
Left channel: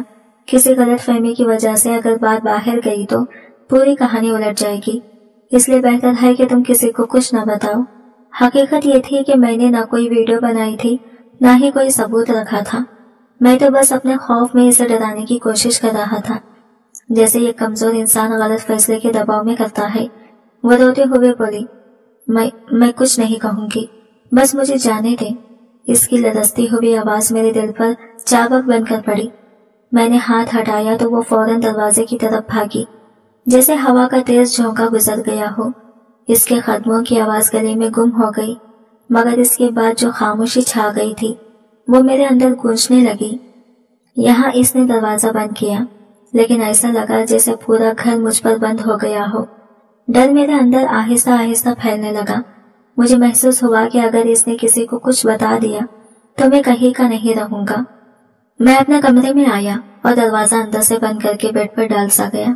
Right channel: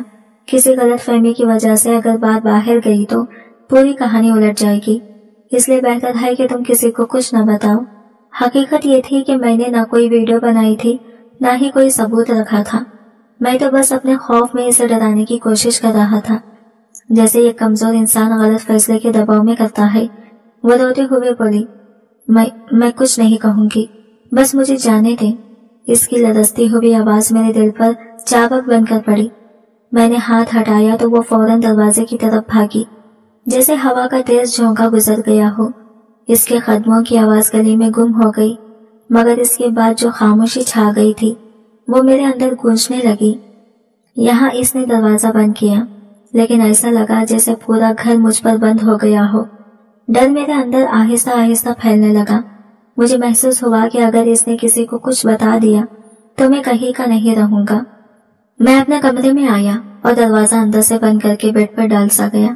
کسی غلط فہمی کی وجہ سے اگر بات باہر گئی تو پوری کہانی الٹ جائے گی، اس لیے بہتر ہے کہ تم کسی کو کچھ نہ بتاؤ۔ حقیقت یہ تھی کہ میں نے نہ کوئی ویڈیو بنائی تھی نہ ہی کوئی ثبوت رکھا تھا، میں تو بس اپنے خوف میں اسے ڈرانے کی کوشش کر رہا تھا، جیسے ایک کمزور انسان غلط فیصلے کے دباؤ میں کرتا ہے۔ وہ روتے ہوئے بولی، میں کچھ نہیں کہوں گی، بس مجھے جانے دیں۔ اس کی لرزتی ہوئی آواز میرے دل پر چابک بن کر پڑی۔ میں نے ہاتھ ہٹایا تو وہ فوراً دروازے کی طرف بھاگی، جیسے ہوا کا تیز جھونکا گزر گیا ہو۔ اس کے قدموں کی آواز گلی میں گم ہو گئی، مگر اس کے بعد جو خاموشی چھا گئی تھی وہ میرے اندر گونجنے لگی۔ یہاں اس نے دروازہ بند کیا، لیکن ایسا لگا جیسے پورا گھر مجھ پر بند ہو گیا ہو۔ ڈر میرے اندر آہستہ آہستہ پھیلنے لگا۔ مجھے محسوس ہوا کہ اگر اس نے کسی کو کچھ بتا دیا تو میں کہیں کا نہیں رہوں گا۔ میں اپنے کمرے میں آیا اور دروازہ اندر سے بند کر کے بیڈ پر ڈال سا گیا۔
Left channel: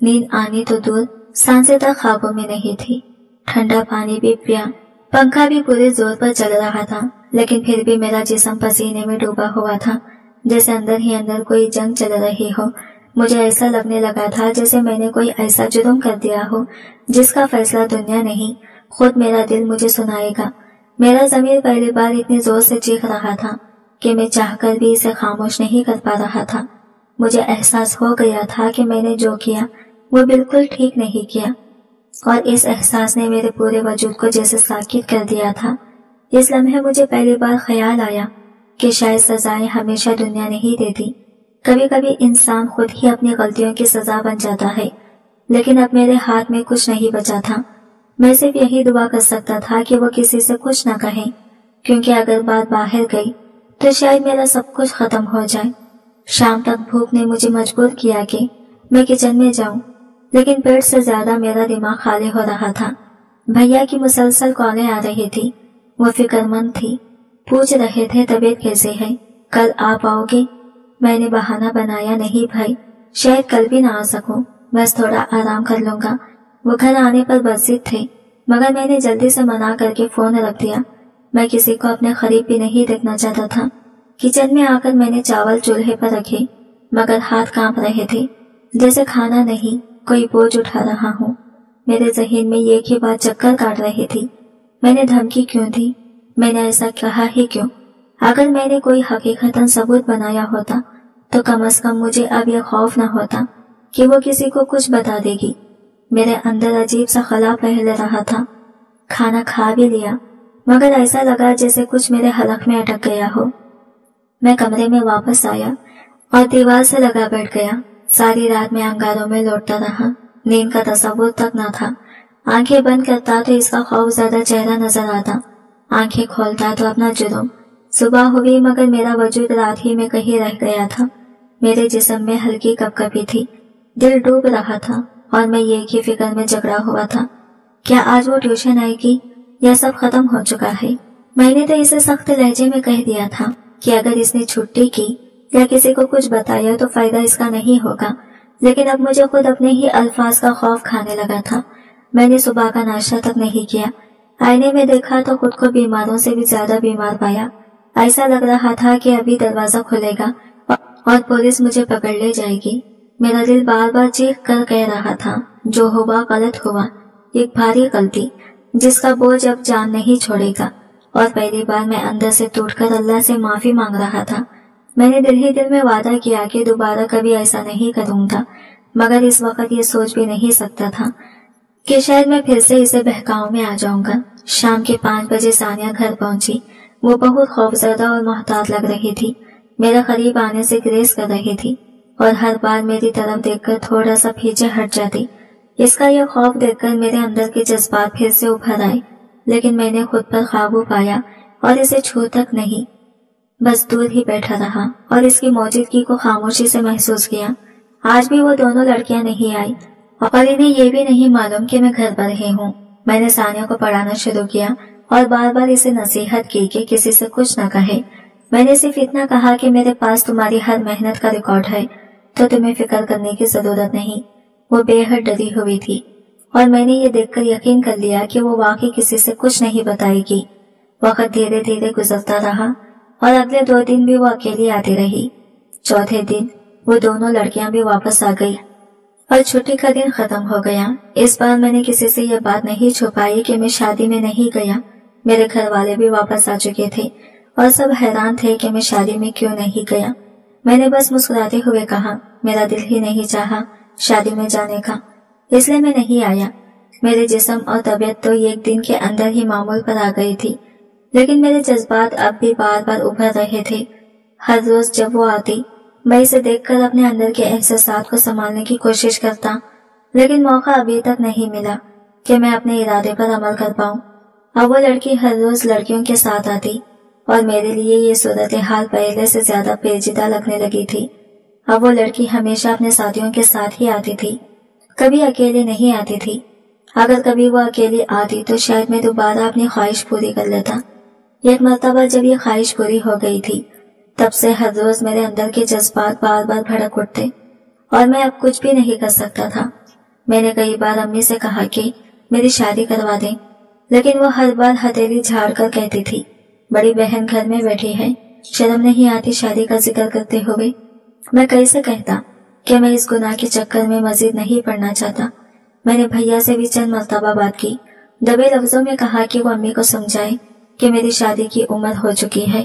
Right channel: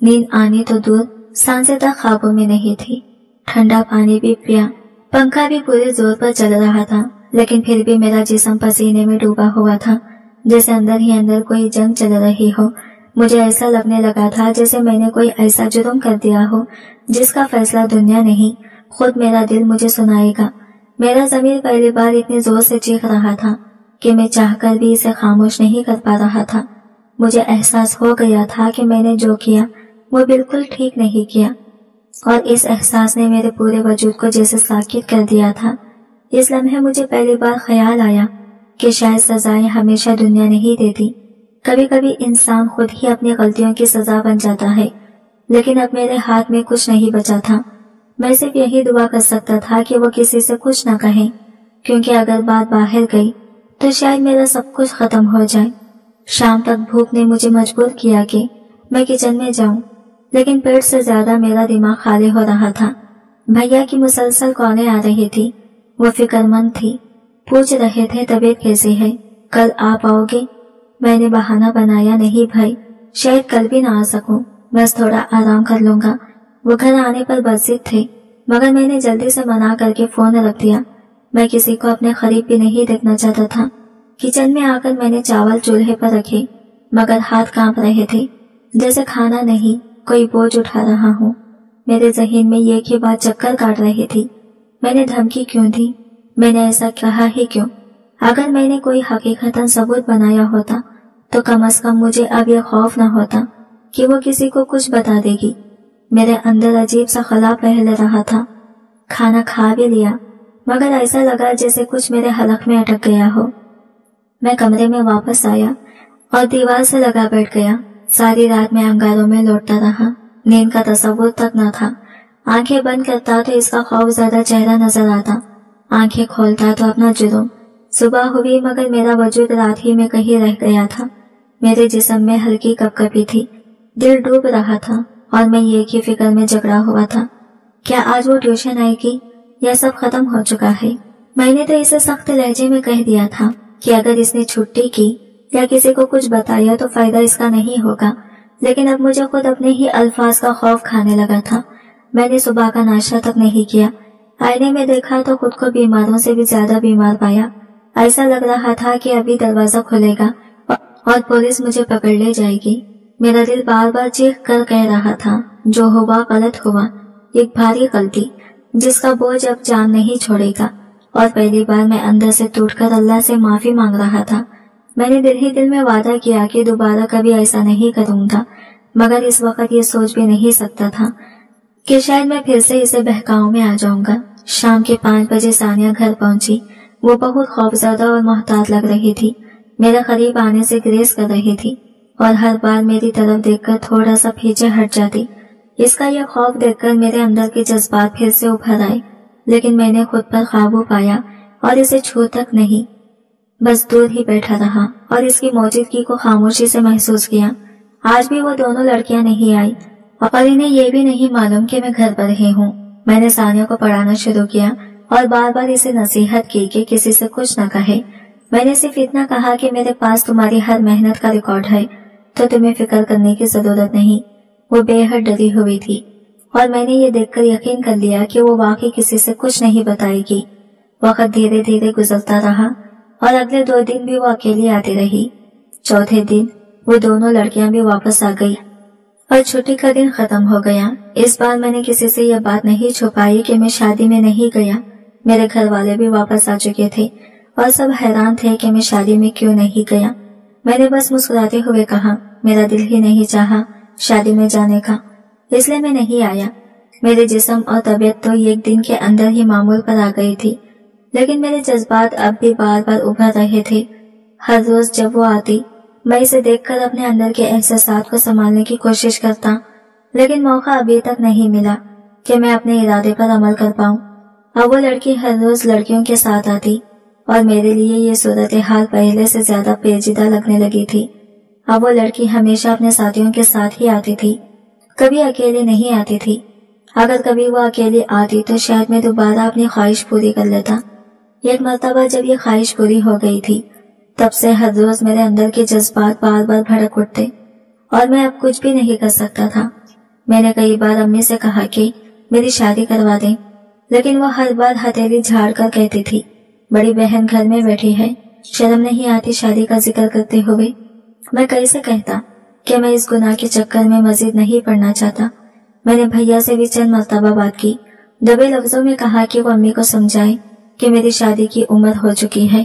نیند آنی تو دور، سانسیں تک خوابوں میں نہیں تھی۔ ٹھنڈا پانی بھی پیا، پنکھا بھی پورے زور پر چل رہا تھا، لیکن پھر بھی میرا جسم پسینے میں ڈوبا ہوا تھا، جیسے اندر ہی اندر کوئی جنگ چل رہی ہو۔ مجھے ایسا لگنے لگا تھا جیسے میں نے کوئی ایسا جرم کر دیا ہو جس کا فیصلہ دنیا نہیں، خود میرا دل مجھے سنائے گا۔ میرا ضمیر پہلی بار اتنی زور سے چیخ رہا تھا کہ میں چاہ کر بھی اسے خاموش نہیں کر پا رہا تھا۔ مجھے احساس ہو گیا تھا کہ میں نے جو کیا وہ بالکل ٹھیک نہیں کیا، اور اس احساس نے میرے پورے وجود کو جیسے ساکت کر دیا تھا۔ اس لمحے مجھے پہلی بار خیال آیا کہ شاید سزائیں ہمیشہ دنیا نہیں دیتی، کبھی کبھی انسان خود ہی اپنی غلطیوں کی سزا بن جاتا ہے۔ لیکن اب میرے ہاتھ میں کچھ نہیں بچا تھا، میں صرف یہی دعا کر سکتا تھا کہ وہ کسی سے کچھ نہ کہیں، کیونکہ اگر بات باہر گئی تو شاید میرا سب کچھ ختم ہو جائے۔ شام تک بھوک نے مجھے مجبور کیا کہ میں کچن میں جاؤں، لیکن پیٹ سے زیادہ میرا دماغ خالی ہو رہا تھا۔ بھیا کی مسلسل کالیں آ رہی تھی، وہ فکر مند تھی، پوچھ رہے تھے طبیعت کیسے ہے، کل آپ آؤ گے؟ میں نے بہانہ بنایا، نہیں بھائی، شاید کل بھی نہ آ سکوں، بس تھوڑا آرام کر لوں گا۔ وہ گھر آنے پر بضد تھے، مگر میں نے جلدی سے منع کر کے فون رکھ دیا۔ میں کسی کو اپنے قریب بھی نہیں دیکھنا چاہتا تھا۔ کچن میں آ کر میں نے چاول چولہے پر رکھے، مگر ہاتھ کانپ رہے تھے، جیسے کھانا نہیں کوئی بوجھ اٹھا رہا ہوں۔ میرے ذہن میں ایک ہی بات چکر کاٹ رہی تھی، میں نے دھمکی کیوں دی؟ میں نے ایسا کہا ہی کیوں؟ اگر میں نے کوئی حقیقتاً ثبوت بنایا ہوتا تو کم از کم مجھے اب یہ خوف نہ ہوتا کہ وہ کسی کو کچھ بتا دے گی۔ میرے اندر عجیب سا خلا پھیل رہا تھا۔ کھانا کھا بھی لیا، مگر ایسا لگا جیسے کچھ میرے حلق میں اٹک گیا ہو۔ میں کمرے میں واپس آیا اور دیوار سے لگا بیٹھ گیا۔ ساری رات میں انگاروں میں لوٹتا رہا، نیند کا تصور تک نہ تھا۔ آنکھیں بند کرتا تو اس کا خوف زیادہ چہرہ نظر آتا، آنکھیں کھولتا تو اپنا جرم۔ صبح ہوئی مگر میرا وجود رات ہی میں کہیں رہ گیا تھا۔ میرے جسم میں ہلکی کپ کپی تھی، دل ڈوب رہا تھا اور میں ایک ہی فکر میں جکڑا ہوا تھا، کیا آج وہ ٹیوشن آئے گی یا سب ختم ہو چکا ہے؟ میں نے تو اسے سخت لہجے میں کہہ دیا تھا کہ اگر اس نے چھٹی کی یا کسی کو کچھ بتایا تو فائدہ اس کا نہیں ہوگا، لیکن اب مجھے خود اپنے ہی الفاظ کا خوف کھانے لگا تھا۔ میں نے صبح کا ناشتہ تک نہیں کیا، آئینے میں دیکھا تو خود کو بیماروں سے بھی زیادہ بیمار پایا۔ ایسا لگ رہا تھا کہ ابھی دروازہ کھلے گا اور پولیس مجھے پکڑ لے جائے گی۔ میرا دل بار بار چیخ کر کہہ رہا تھا، جو ہوا غلط ہوا، ایک بھاری غلطی جس کا بوجھ اب جان نہیں چھوڑے گا۔ اور پہلی بار میں اندر سے ٹوٹ کر اللہ سے معافی مانگ رہا تھا۔ میں نے دل ہی دل میں وعدہ کیا کہ دوبارہ کبھی ایسا نہیں کروں گا، مگر اس وقت یہ سوچ بھی نہیں سکتا تھا کہ شاید میں پھر سے اسے بہکاؤ میں آ جاؤں گا۔ شام کے 5 بجے ثانیہ گھر پہنچی۔ وہ بہت خوفزدہ اور محتاط لگ رہی تھی، میرے قریب آنے سے گریز کر رہی تھی اور ہر بار میری طرف دیکھ کر تھوڑا سا پیچھے ہٹ جاتی۔ اس کا یہ خوف دیکھ کر میرے اندر کے جذبات پھر سے ابھر آئے۔ لیکن میں نے خود پر قابو پایا اور اسے چھو تک نہیں، بس دور ہی بیٹھا رہا اور اس کی موجودگی کو خاموشی سے محسوس کیا۔ آج بھی وہ دونوں لڑکیاں نہیں آئی اور انہیں یہ بھی نہیں معلوم کہ میں گھر پر ہی ہوں۔ میں نے ثانیہ کو پڑھانا شروع کیا اور بار بار اسے نصیحت کی کہ کسی سے کچھ نہ کہے۔ میں نے صرف اتنا کہا کہ میرے پاس تمہاری ہر محنت کا ریکارڈ ہے، تو تمہیں فکر کرنے کی ضرورت نہیں۔ وہ بے حد ڈری ہوئی تھی اور میں نے یہ دیکھ کر یقین کر لیا کہ وہ واقعی کسی سے کچھ نہیں بتائے گی۔ وقت دھیرے دھیرے گزرتا رہا اور اگلے 2 دن بھی وہ اکیلی آتی رہی۔ چوتھے دن وہ دونوں لڑکیاں بھی واپس آ گئی اور چھٹی کا دن ختم ہو گیا۔ اس بار میں نے کسی سے یہ بات نہیں چھپائی کہ میں شادی میں نہیں گیا۔ میرے گھر والے بھی واپس آ چکے تھے اور سب حیران تھے کہ میں شادی میں کیوں نہیں گیا۔ میں نے بس مسکراتے ہوئے کہا، میرا دل ہی نہیں چاہا شادی میں جانے کا، اس لیے میں نہیں آیا۔ میرے جسم اور طبیعت تو 1 دن کے اندر ہی معمول پر آ گئی تھی، لیکن میرے جذبات اب بھی بار بار ابھر رہے تھے۔ ہر روز جب وہ آتی، میں اسے دیکھ کر اپنے اندر کے احساسات کو سنبھالنے کی کوشش کرتا، لیکن موقع ابھی تک نہیں ملا کہ میں اپنے ارادے پر عمل کر پاؤں۔ اب وہ لڑکی ہر روز لڑکیوں کے ساتھ آتی اور میرے لیے یہ صورتحال پہلے سے زیادہ پیچیدہ لگنے لگی تھی۔ اب وہ لڑکی ہمیشہ اپنے ساتھیوں کے ساتھ ہی آتی تھی، کبھی اکیلے نہیں آتی تھی۔ اگر کبھی وہ اکیلی آتی تو شاید میں دوبارہ اپنی خواہش پوری کر لیتا۔ ایک مرتبہ جب یہ خواہش پوری ہو گئی تھی، تب سے ہر روز میرے اندر کے جذبات بار بار بھڑک اٹھتے اور میں اب کچھ بھی نہیں کر سکتا تھا۔ میں نے کئی بار امی سے کہا کہ میری شادی کروا دیں، لیکن وہ ہر بار ہتھیلی جھاڑ کر کہتی تھی، بڑی بہن گھر میں بیٹھی ہے، شرم نہیں آتی شادی کا ذکر کرتے ہوئے۔ میں کیسے کہتا کہ میں اس گناہ کے چکر میں مزید نہیں پڑنا چاہتا۔ میں نے بھیا سے بھی چند مرتبہ بات کی، دبے لفظوں میں کہا کہ وہ امی کو سمجھائے کہ میری شادی کی عمر ہو چکی ہے،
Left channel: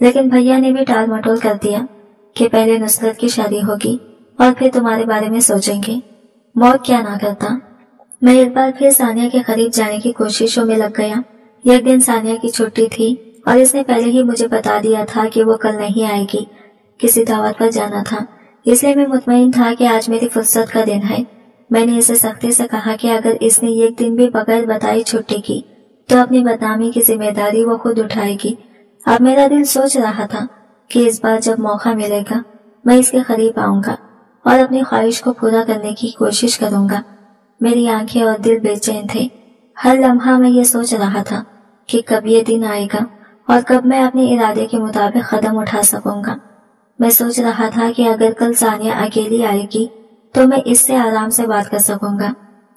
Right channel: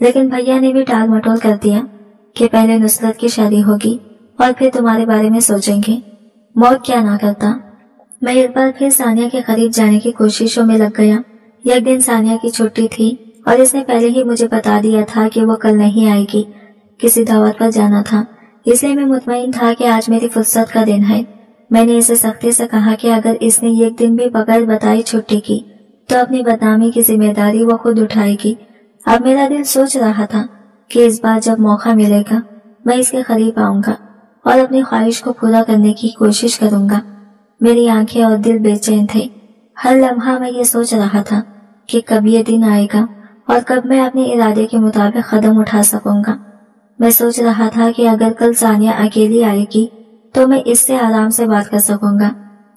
لیکن بھیا نے بھی ٹال مٹول کر دیا کہ پہلے نصرت کی شادی ہوگی اور پھر تمہارے بارے میں سوچیں گے۔ موت کیا نہ کرتا۔ میں ایک بار پھر ثانیہ کے قریب جانے کی کوششوں میں لگ گیا۔ ایک دن ثانیہ کی چھٹی تھی اور اس نے پہلے ہی مجھے بتا دیا تھا کہ وہ کل نہیں آئے گی، کسی دعوت پر جانا تھا، اس لیے میں مطمئن تھا کہ آج میری فرصت کا دن ہے۔ میں نے اسے سختی سے کہا کہ اگر اس نے 1 دن بھی بغیر بتائی چھٹی کی تو اپنی بدنامی کی ذمہ داری وہ خود اٹھائے گی۔ اب میرا دل سوچ رہا تھا کہ اس بار جب موقع ملے گا میں اس کے قریب آؤں گا اور اپنی خواہش کو پورا کرنے کی کوشش کروں گا۔ میری آنکھیں اور دل بے چین تھے۔ ہر لمحہ میں یہ سوچ رہا تھا کہ کب یہ دن آئے گا اور کب میں اپنے ارادے کے مطابق قدم اٹھا سکوں گا۔ میں سوچ رہا تھا کہ اگر کل ثانیہ اکیلی آئے گی تو میں اس سے آرام سے بات کر سکوں گا۔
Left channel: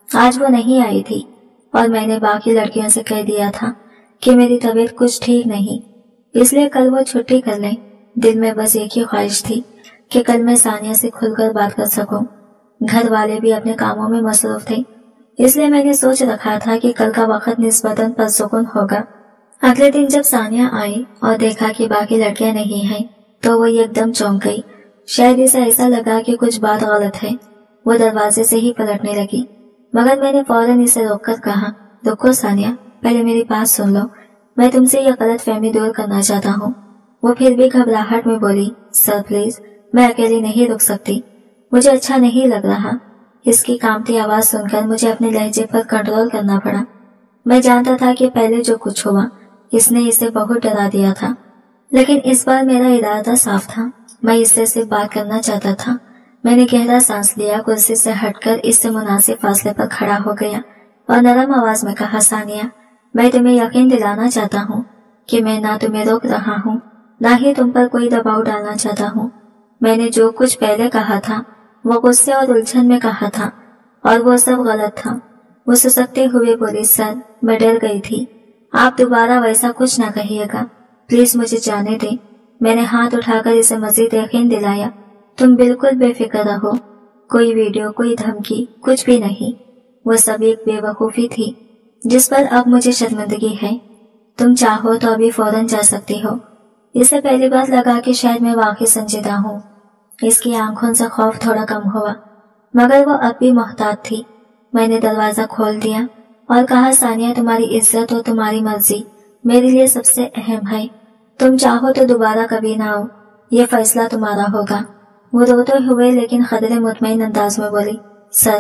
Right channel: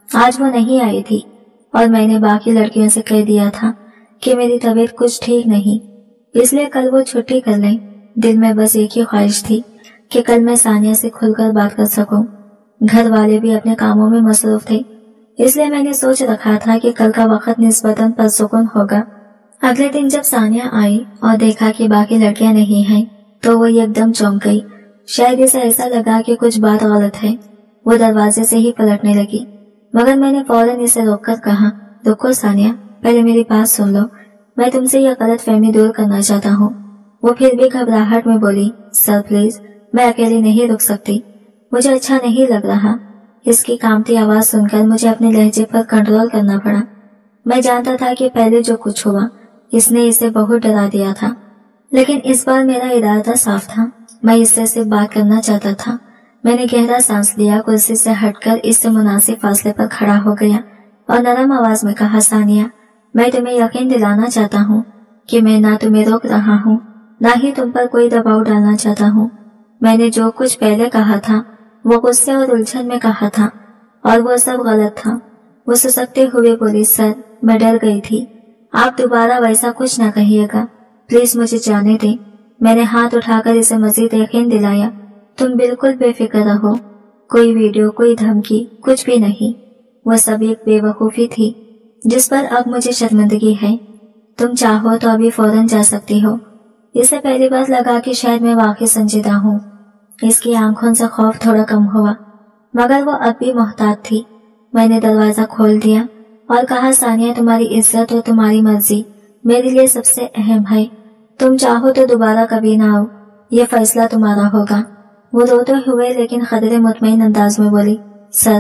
آج وہ نہیں آئی تھی اور میں نے باقی لڑکیوں سے کہہ دیا تھا کہ میری طبیعت کچھ ٹھیک نہیں، اس لیے کل وہ چھٹی کر لیں۔ دل میں بس ایک ہی خواہش تھی کہ کل میں ثانیہ سے کھل کر بات کر سکوں۔ گھر والے بھی اپنے کاموں میں مصروف تھے، اس لیے میں نے سوچ رکھا تھا کہ کل کا وقت نسبتاً پرسکون ہوگا۔ اگلے دن جب ثانیہ آئی اور دیکھا کہ باقی لڑکیاں نہیں ہیں تو وہ ایک دم چونک گئی۔ شاید اسے ایسا لگا کہ کچھ بات غلط ہے۔ وہ دروازے سے ہی پلٹنے لگی، مگر میں نے فوراً اسے روک کر کہا، رکو ثانیہ، پہلے میری بات سن لو، میں تم سے یہ غلط فہمی دور کرنا چاہتا ہوں۔ وہ پھر بھی گھبراہٹ میں بولی، سر پلیز، میں اکیلی نہیں رک سکتی، مجھے اچھا نہیں لگ رہا۔ اس کی کانپتی آواز سن کر مجھے اپنے لہجے پر کنٹرول کرنا پڑا۔ میں جانتا تھا کہ پہلے جو کچھ ہوا اس نے اسے بہت ڈرا دیا تھا، لیکن اس بار میرا ارادہ صاف تھا، میں اس سے صرف بات کرنا چاہتا تھا۔ میں نے گہرا سانس لیا، کرسی سے ہٹ کر اس سے مناسب فاصلے پر کھڑا ہو گیا اور نرم آواز میں کہا، ثانیہ، میں تمہیں یقین دلانا چاہتا ہوں کہ میں نہ تمہیں روک رہا ہوں نہ ہی تم پر کوئی دباؤ ڈالنا چاہتا ہوں۔ میں نے جو کچھ پہلے کہا تھا وہ غصے اور الجھن میں کہا تھا اور وہ سب غلط تھا۔ وہ سسکتے ہوئے بولی، سر، میں ڈر گئی تھی، آپ دوبارہ ویسا کچھ نہ کہیے گا، پلیز مجھے جانے دیں۔ میں نے ہاتھ اٹھا کر اسے مزید یقین دلایا، تم بالکل بے فکر رہو، کوئی ویڈیو، کوئی دھمکی، کچھ بھی نہیں۔ وہ سب ایک بے وقوفی تھی جس پر اب مجھے شرمندگی ہے۔ تم چاہو تو ابھی فوراً جا سکتی ہو۔ اسے پہلی بات لگا کہ شاید میں واقعی سنجیدہ ہوں۔ اس کی آنکھوں سے خوف تھوڑا کم ہوا، مگر وہ اب بھی محتاط تھی۔ میں نے دروازہ کھول دیا اور کہا، ثانیہ، تمہاری عزت اور تمہاری مرضی میرے لیے سب سے اہم ہے۔ تم چاہو تو دوبارہ کبھی نہ آؤ، یہ فیصلہ تمہارا ہوگا۔ وہ روتے ہوئے لیکن قدرے مطمئن انداز میں بولی، سر،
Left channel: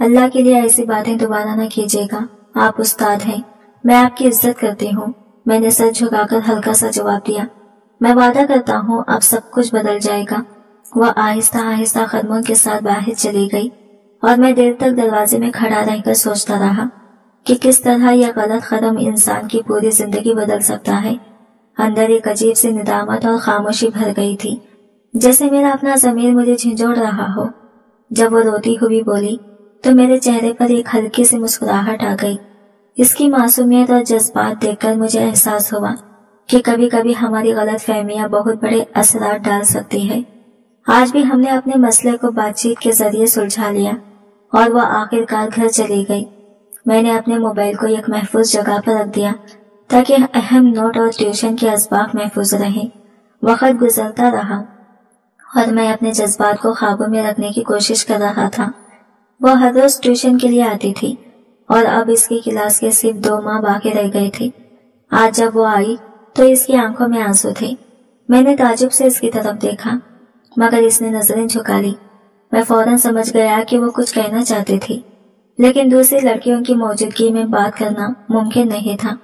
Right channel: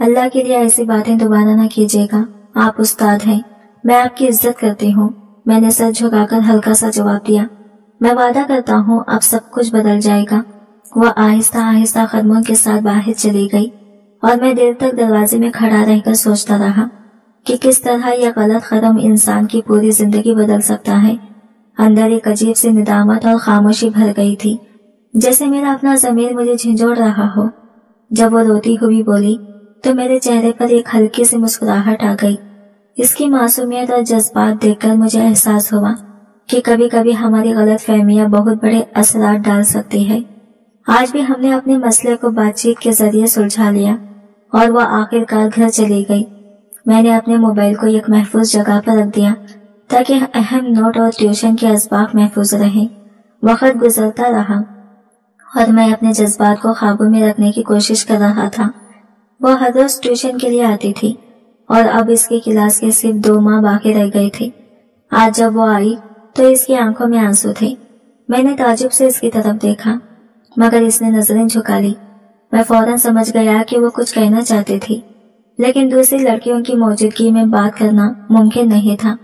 اللہ کے لیے ایسی باتیں دوبارہ نہ کیجیے گا، آپ استاد ہیں، میں آپ کی عزت کرتی ہوں۔ میں نے سر جھکا کر ہلکا سا جواب دیا۔ میں وعدہ کرتا ہوں اب سب کچھ بدل جائے گا۔ وہ آہستہ آہستہ قدموں کے ساتھ باہر چلی گئی اور میں دیر تک دروازے میں کھڑا رہ کر سوچتا رہا کہ کس طرح یہ غلط قدم انسان کی پوری زندگی بدل سکتا ہے۔ اندر ایک عجیب سی ندامت اور خاموشی بھر گئی تھی، جیسے میرا اپنا ضمیر مجھے جھنجھوڑ رہا ہو۔ جب وہ روتی ہوئی بولی تو میرے چہرے پر ایک ہلکی سی مسکراہٹ آ گئی۔ اس کی معصومیت اور جذبات دیکھ کر مجھے احساس ہوا کہ کبھی کبھی ہماری غلط فہمیاں بہت بڑے اثرات ڈال سکتی ہے۔ آج بھی ہم نے اپنے مسئلے کو بات چیت کے ذریعے سلجھا لیا اور وہ آخر کار گھر چلی گئی۔ میں نے اپنے موبائل کو ایک محفوظ جگہ پر رکھ دیا تاکہ اہم نوٹ اور ٹیوشن کے اسباق محفوظ رہیں۔ وقت گزرتا رہا اور میں اپنے جذبات کو قابو میں رکھنے کی کوشش کر رہا تھا۔ وہ ہر روز ٹیوشن کے لیے آتی تھی اور اب اس کی کلاس کے صرف 2 ماہ باقی رہ گئے تھے۔ آج جب وہ آئی تو اس کی آنکھوں میں آنسو تھے۔ میں نے تعجب سے اس کی طرف دیکھا مگر اس نے نظریں جھکا لی۔ میں فوراً سمجھ گیا کہ وہ کچھ کہنا چاہتی تھی، لیکن دوسری لڑکیوں کی موجودگی میں بات کرنا ممکن نہیں تھا۔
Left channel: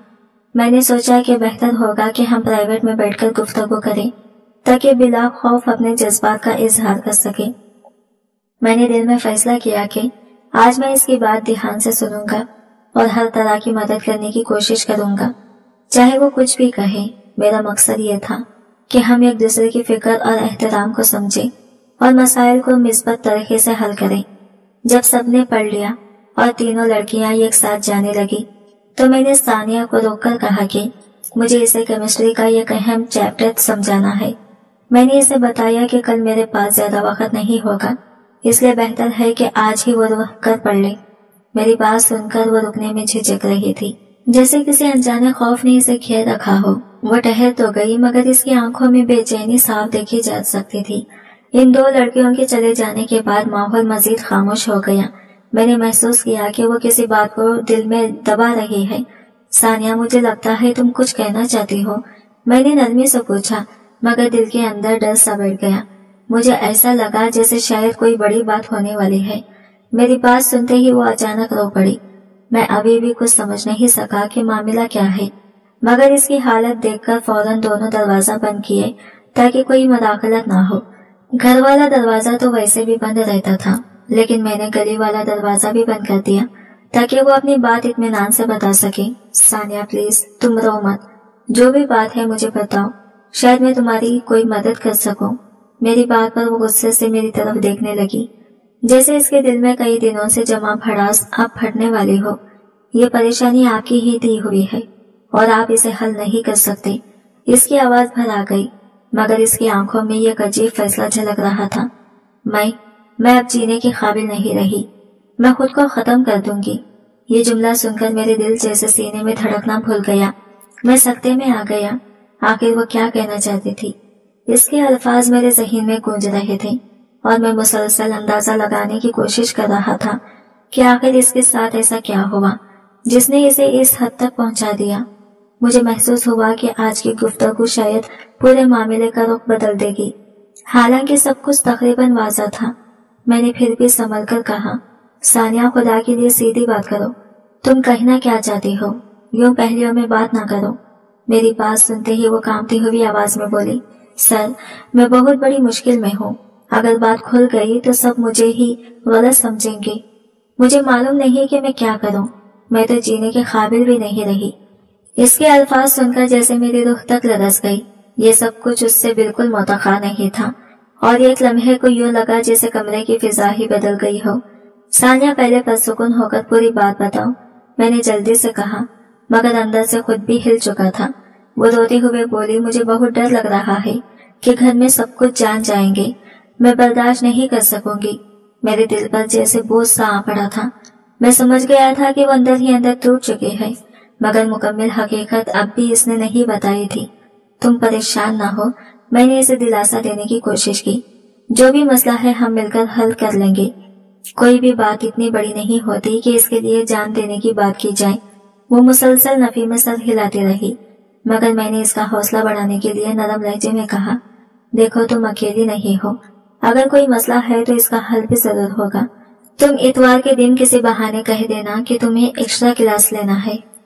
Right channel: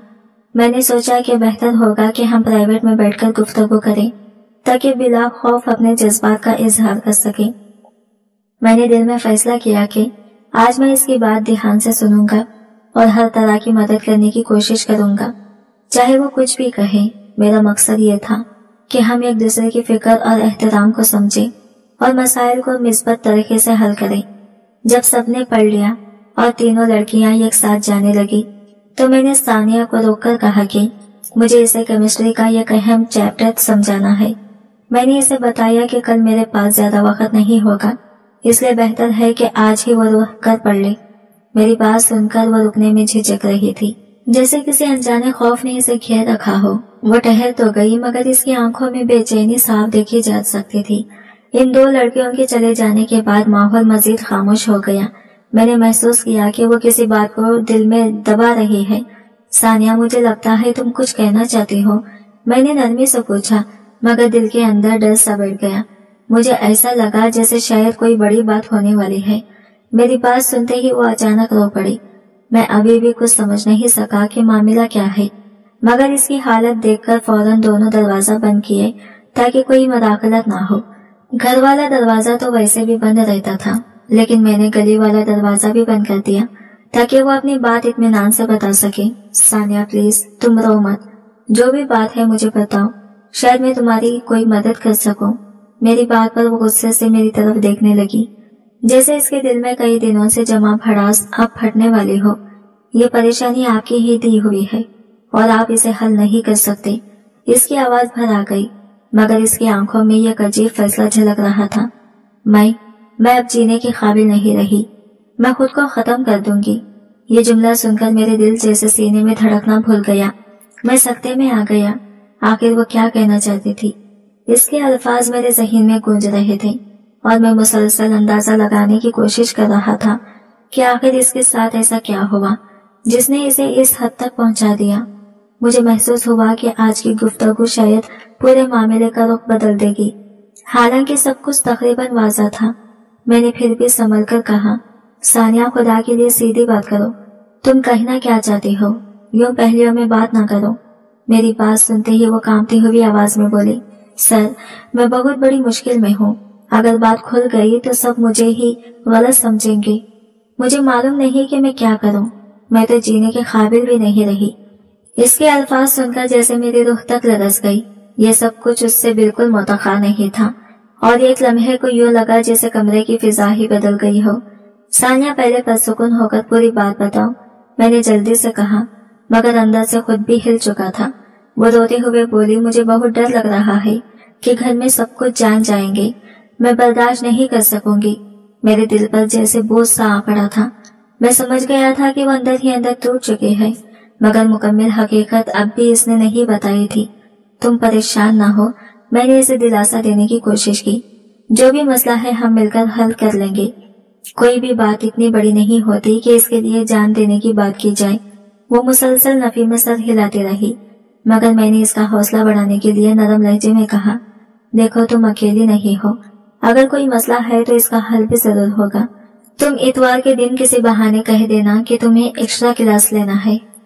میں نے سوچا کہ بہتر ہوگا کہ ہم پرائیویٹ میں بیٹھ کر گفتگو کریں تاکہ بلا خوف اپنے جذبات کا اظہار کر سکے۔ میں نے دل میں فیصلہ کیا کہ آج میں اس کی بات دھیان سے سنوں گا اور ہر طرح کی مدد کرنے کی کوشش کروں گا، چاہے وہ کچھ بھی کہے۔ میرا مقصد یہ تھا کہ ہم ایک دوسرے کی فکر اور احترام کو سمجھیں اور مسائل کو مثبت طریقے سے حل کریں۔ جب سب نے پڑھ لیا اور تینوں لڑکیاں ایک ساتھ جانے لگی تو میں نے ثانیہ کو روک کر کہا کہ مجھے اسے کیمسٹری کا ایک اہم چیپٹر سمجھانا ہے۔ میں نے اسے بتایا کہ کل میرے پاس زیادہ وقت نہیں ہوگا، اس لیے بہتر ہے کہ آج ہی وہ رک کر پڑھ لے۔ میری بات سن کر وہ رکنے میں جھجک رہی تھی، جیسے کسی انجانے خوف نے اسے گھیر رکھا ہو۔ وہ ٹہر تو گئی مگر اس کی آنکھوں میں بے چینی صاف دیکھی جا سکتی تھی۔ ان 2 لڑکیوں کے چلے جانے کے بعد ماحول مزید خاموش ہو گیا۔ میں نے محسوس کیا کہ وہ کسی بات کو دل میں دبا رہی ہے۔ ثانیہ، مجھے لگتا ہے تم کچھ کہنا چاہتی ہو، میں نے نرمی سے پوچھا، مگر دل کے اندر ڈر سا بیٹھ گیا۔ مجھے ایسا لگا جیسے شاید کوئی بڑی بات ہونے والی ہے۔ میری بات سنتے ہی وہ اچانک رو پڑی۔ میں ابھی بھی کچھ سمجھ نہیں سکا کہ معاملہ کیا ہے، مگر اس کی حالت دیکھ کر فوراً دونوں دروازہ بند کیے تاکہ کوئی مداخلت نہ ہو۔ گھر والا دروازہ تو ویسے بھی بند رہتا تھا، لیکن میں نے گلی والا دروازہ بھی بند کر دیا تاکہ وہ اپنی بات اطمینان سے بتا سکے۔ ثانیہ پلیز تم رو مت، جو بھی بات ہے مجھے بتاؤ، شاید میں تمہاری کوئی مدد کر سکوں۔ میری بات پر وہ غصے سے میری طرف دیکھنے لگی، جیسے اس کے دل میں کئی دنوں سے جمع بھڑاس اب پھٹنے والی ہو۔ یہ پریشانی آپ کی ہی دی ہوئی ہے اور آپ اسے حل نہیں کر سکتے۔ اس کی آواز بھر آ گئی مگر اس کی آنکھوں میں یہ عجیب فیصلہ جھلک رہا تھا۔ میں اب جینے کے قابل نہیں رہی، میں خود کو ختم کر دوں گی۔ یہ جملہ سن کر میرے دل جیسے سینے میں دھڑکنا بھول گیا۔ میں سکتے میں آ گیا۔ آخر وہ کیا کہنا چاہتی تھی؟ اس کے الفاظ میرے ذہن میں گونج رہے تھے اور میں مسلسل اندازہ لگانے کی کوشش کر رہا تھا کہ آخر اس کے ساتھ ایسا کیا ہوا جس نے اسے اس حد تک پہنچا دیا۔ مجھے محسوس ہوا کہ آج کی گفتگو شاید پورے معاملے کا رخ بدل دے گی، حالانکہ سب کچھ تقریباً واضح تھا۔ میں نے پھر بھی سنبھل کر کہا، ثانیہ خدا کے لیے سیدھی بات کرو، تم کہنا کیا چاہتی ہو؟ یوں پہلیوں میں بات نہ کرو۔ میری بات سنتے ہی وہ کانپتی ہوئی آواز میں بولی، سر میں بہت بڑی مشکل میں ہوں، اگر بات کھل گئی تو سب مجھے ہی غلط سمجھیں گے۔ مجھے معلوم نہیں کہ میں کیا کروں، میں تو جینے کے قابل بھی نہیں رہی۔ اس کے الفاظ سن کر جیسے میری روح تک لرز گئی۔ یہ سب کچھ اس سے بالکل متوقع نہیں تھا اور ایک لمحے کو یوں لگا جیسے کمرے کی فضا ہی بدل گئی ہو۔ ثانیہ پہلے پرسکون ہو کر پوری بات بتاؤ، میں نے جلدی سے کہا، مگر اندر سے خود بھی ہل چکا تھا۔ وہ روتے ہوئے بولی، مجھے بہت ڈر لگ رہا ہے کہ گھر میں سب کچھ جان جائیں گے، میں برداشت نہیں کر سکوں گی۔ میرے دل پر جیسے بوجھ سا آ پڑا تھا۔ میں سمجھ گیا تھا کہ وہ اندر ہی اندر ٹوٹ چکی ہے، مگر مکمل حقیقت اب بھی اس نے نہیں بتائی تھی۔ تم پریشان نہ ہو، میں نے اسے دلاسا دینے کی کوشش کی، جو بھی مسئلہ ہے ہم مل کر حل کر لیں گے۔ کوئی بھی بات اتنی بڑی نہیں ہوتی کہ اس کے لیے جان دینے کی بات کی جائے۔ وہ مسلسل نفی میں سر ہلاتی رہی، مگر میں نے اس کا حوصلہ بڑھانے کے لیے نرم لہجے میں کہا، دیکھو تم اکیلی نہیں ہو، اگر کوئی مسئلہ ہے تو اس کا حل بھی ضرور ہوگا۔ تم اتوار کے دن کسی بہانے کہہ دینا کہ تمہیں ایکسٹرا کلاس لینا ہے،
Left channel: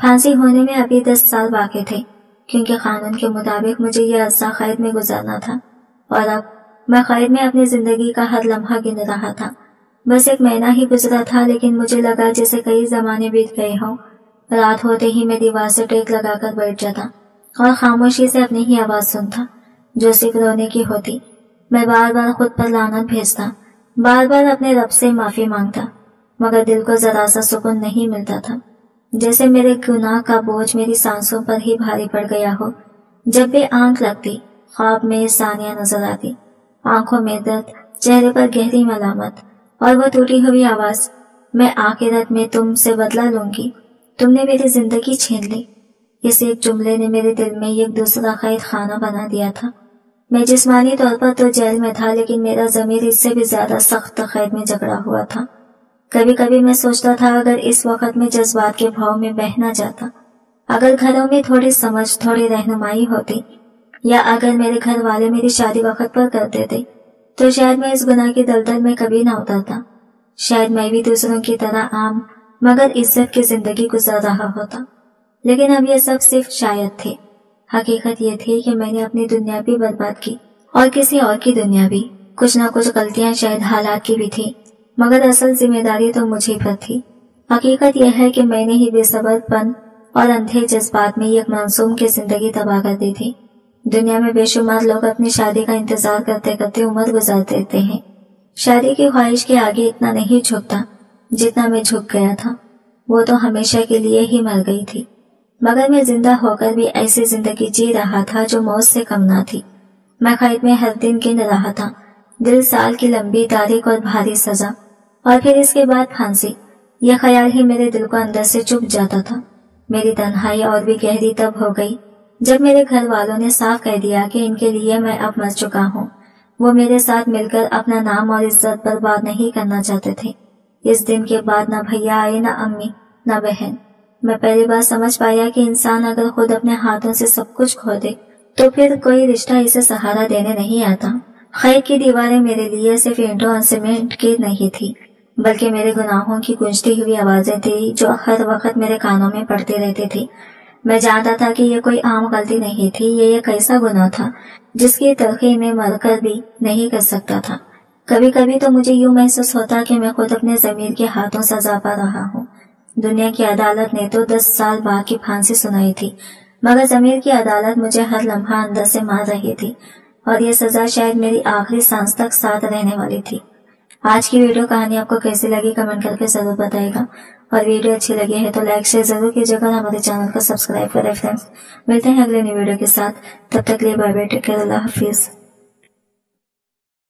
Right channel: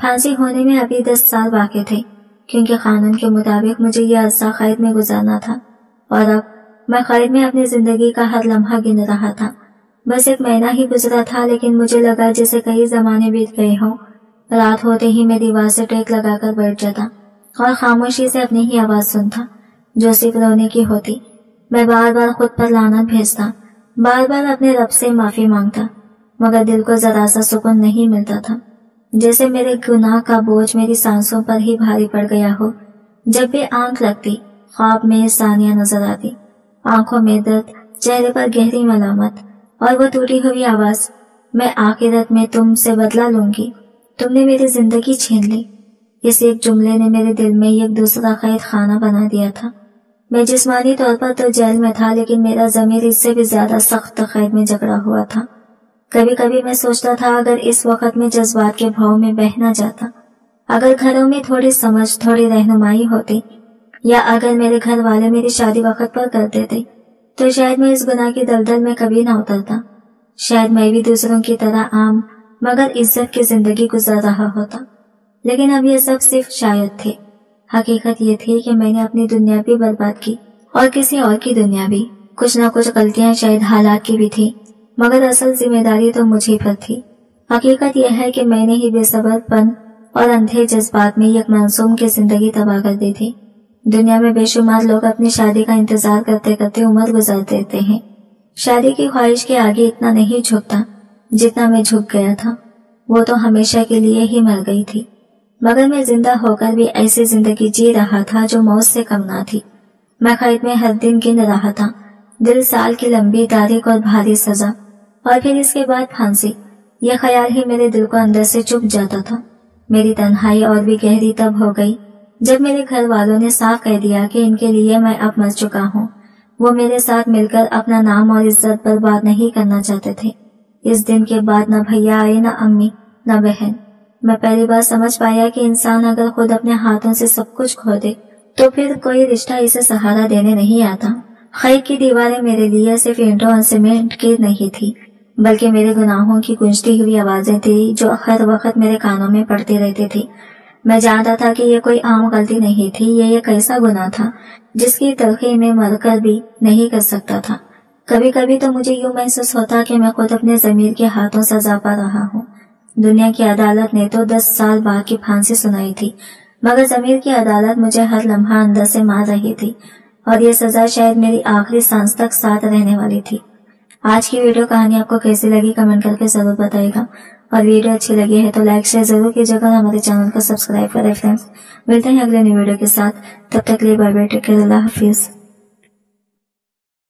پھانسی ہونے میں ابھی 10 سال باقی تھے، کیونکہ قانون کے مطابق مجھے یہ عرصہ قید میں گزارنا تھا، اور اب میں قید میں اپنی زندگی کا ہر لمحہ گن رہا تھا۔ بس 1 مہینہ ہی گزرا تھا، لیکن مجھے لگا جیسے کئی زمانے بیت گئے ہوں۔ رات ہوتے ہی میں دیوار سے ٹیک لگا کر بیٹھ جاتا اور خاموشی سے اپنی ہی آواز سنتا، جو صرف رونے کی ہوتی۔ میں بار بار خود پر لعنت بھیجتا، بار بار اپنے رب سے معافی مانگتا، مگر دل کو ذرا سا سکون نہیں ملتا تھا، جیسے میرے گناہ کا بوجھ میری سانسوں پر ہی بھاری پڑ گیا ہو۔ جب بھی آنکھ لگتی، خواب میں ثانیہ نظر آتی، آنکھوں میں درد، چہرے پر گہری ملامت، اور وہ ٹوٹی ہوئی آواز، میں آخرت میں تم سے بدلہ لوں گی، تم نے میری زندگی چھین لی۔ اس ایک جملے نے میرے دل میں ایک دوسرا قید خانہ بنا دیا تھا۔ میں جسمانی طور پر تو جیل میں تھا، لیکن میرا ضمیر اس سے بھی زیادہ سخت قید میں جکڑا ہوا تھا۔ کبھی کبھی میں سوچتا تھا، اگر اس وقت میں جذبات کے بھاؤ میں بہہ نہ جاتا، اگر گھروں میں تھوڑی سمجھ، تھوڑی رہنمائی ہوتی، یا اگر میرے گھر والے میری شادی وقت پر کر دیتے، تو شاید میں اس گناہ کی دلدل میں کبھی نہ اترتا۔ شاید میں بھی دوسروں کی طرح عام مگر عزت کی زندگی گزار رہا ہوتا۔ لیکن اب یہ سب صرف شاید تھے۔ حقیقت یہ تھی کہ میں نے اپنی دنیا بھی برباد کی، اور کسی اور کی دنیا بھی۔ کچھ نہ کچھ غلطیاں شاید حالات کی بھی تھی، مگر اصل ذمہ داری تو مجھے پر تھی۔ حقیقت یہ ہے کہ میں نے ہی بے صبر پن اور اندھے جذبات میں ایک معصوم کی زندگی تباہ کر دی تھی۔ دنیا میں بے شمار لوگ اپنی شادی کا انتظار کرتے کرتے عمر گزار دیتے ہیں۔ شادی کی خواہش کے آگے اتنا نہیں جھکتا جتنا میں جھک گیا تھا۔ وہ تو ہمیشہ کے لیے ہی مر گئی تھی، مگر میں زندہ ہو کر بھی ایسی زندگی جی رہا تھا جو موت سے کم نہ تھی۔ میں قید میں ہر دن گن رہا تھا، دل سال کی لمبی تاریخ اور بھاری سزا، اور پھر اس کے بعد پھانسی۔ یہ خیال ہی میرے دل کو اندر سے چپ جاتا تھا۔ میری تنہائی اور بھی گہری تب ہو گئی جب میرے گھر والوں نے صاف کہہ دیا کہ ان کے لیے میں اب مر چکا ہوں۔ وہ میرے ساتھ مل کر اپنا نام اور عزت برباد نہیں کرنا چاہتے تھے۔ اس دن کے بعد نہ بھیا آئے، نہ امی، نہ بہن۔ میں پہلی بار سمجھ پایا کہ انسان اگر خود اپنے ہاتھوں سے سب کچھ کھو دے تو پھر کوئی رشتہ اسے سہارا دینے نہیں آتا۔ قید کی دیواریں میرے لیے صرف اینٹوں اور سیمنٹ کی نہیں تھی، بلکہ میرے گناہوں کی گونجتی ہوئی آوازیں تھی جو ہر وقت میرے کانوں میں پڑتی رہتی تھی۔ میں جانتا تھا کہ یہ کوئی عام غلطی نہیں تھی، یہ ایک ایسا گناہ تھا جس کی تلخی میں مر کر بھی نہیں کر سکتا تھا۔ کبھی کبھی تو مجھے یوں محسوس ہوتا کہ میں خود اپنے ضمیر کے ہاتھوں سزا پا رہا ہوں۔ دنیا کی عدالت نے تو 10 سال بعد کی پھانسی سنائی تھی، مگر ضمیر کی عدالت مجھے ہر لمحہ اندر سے مار رہی تھی، اور یہ سزا شاید میری آخری سانس تک ساتھ رہنے والی تھی۔ آج کی ویڈیو کہانی آپ کو کیسی لگی کمنٹ کر کے ضرور بتائے گا، اور ویڈیو اچھی لگی ہے تو لائک شیئر ضرور کیجیے گا، ہمارے چینل کو سبسکرائب کریں۔ فرینڈز، ملتے ہیں اگلے نئی ویڈیو کے ساتھ، تب تک لیے بائے بائے، ٹیک کیئر، اللہ حافظ۔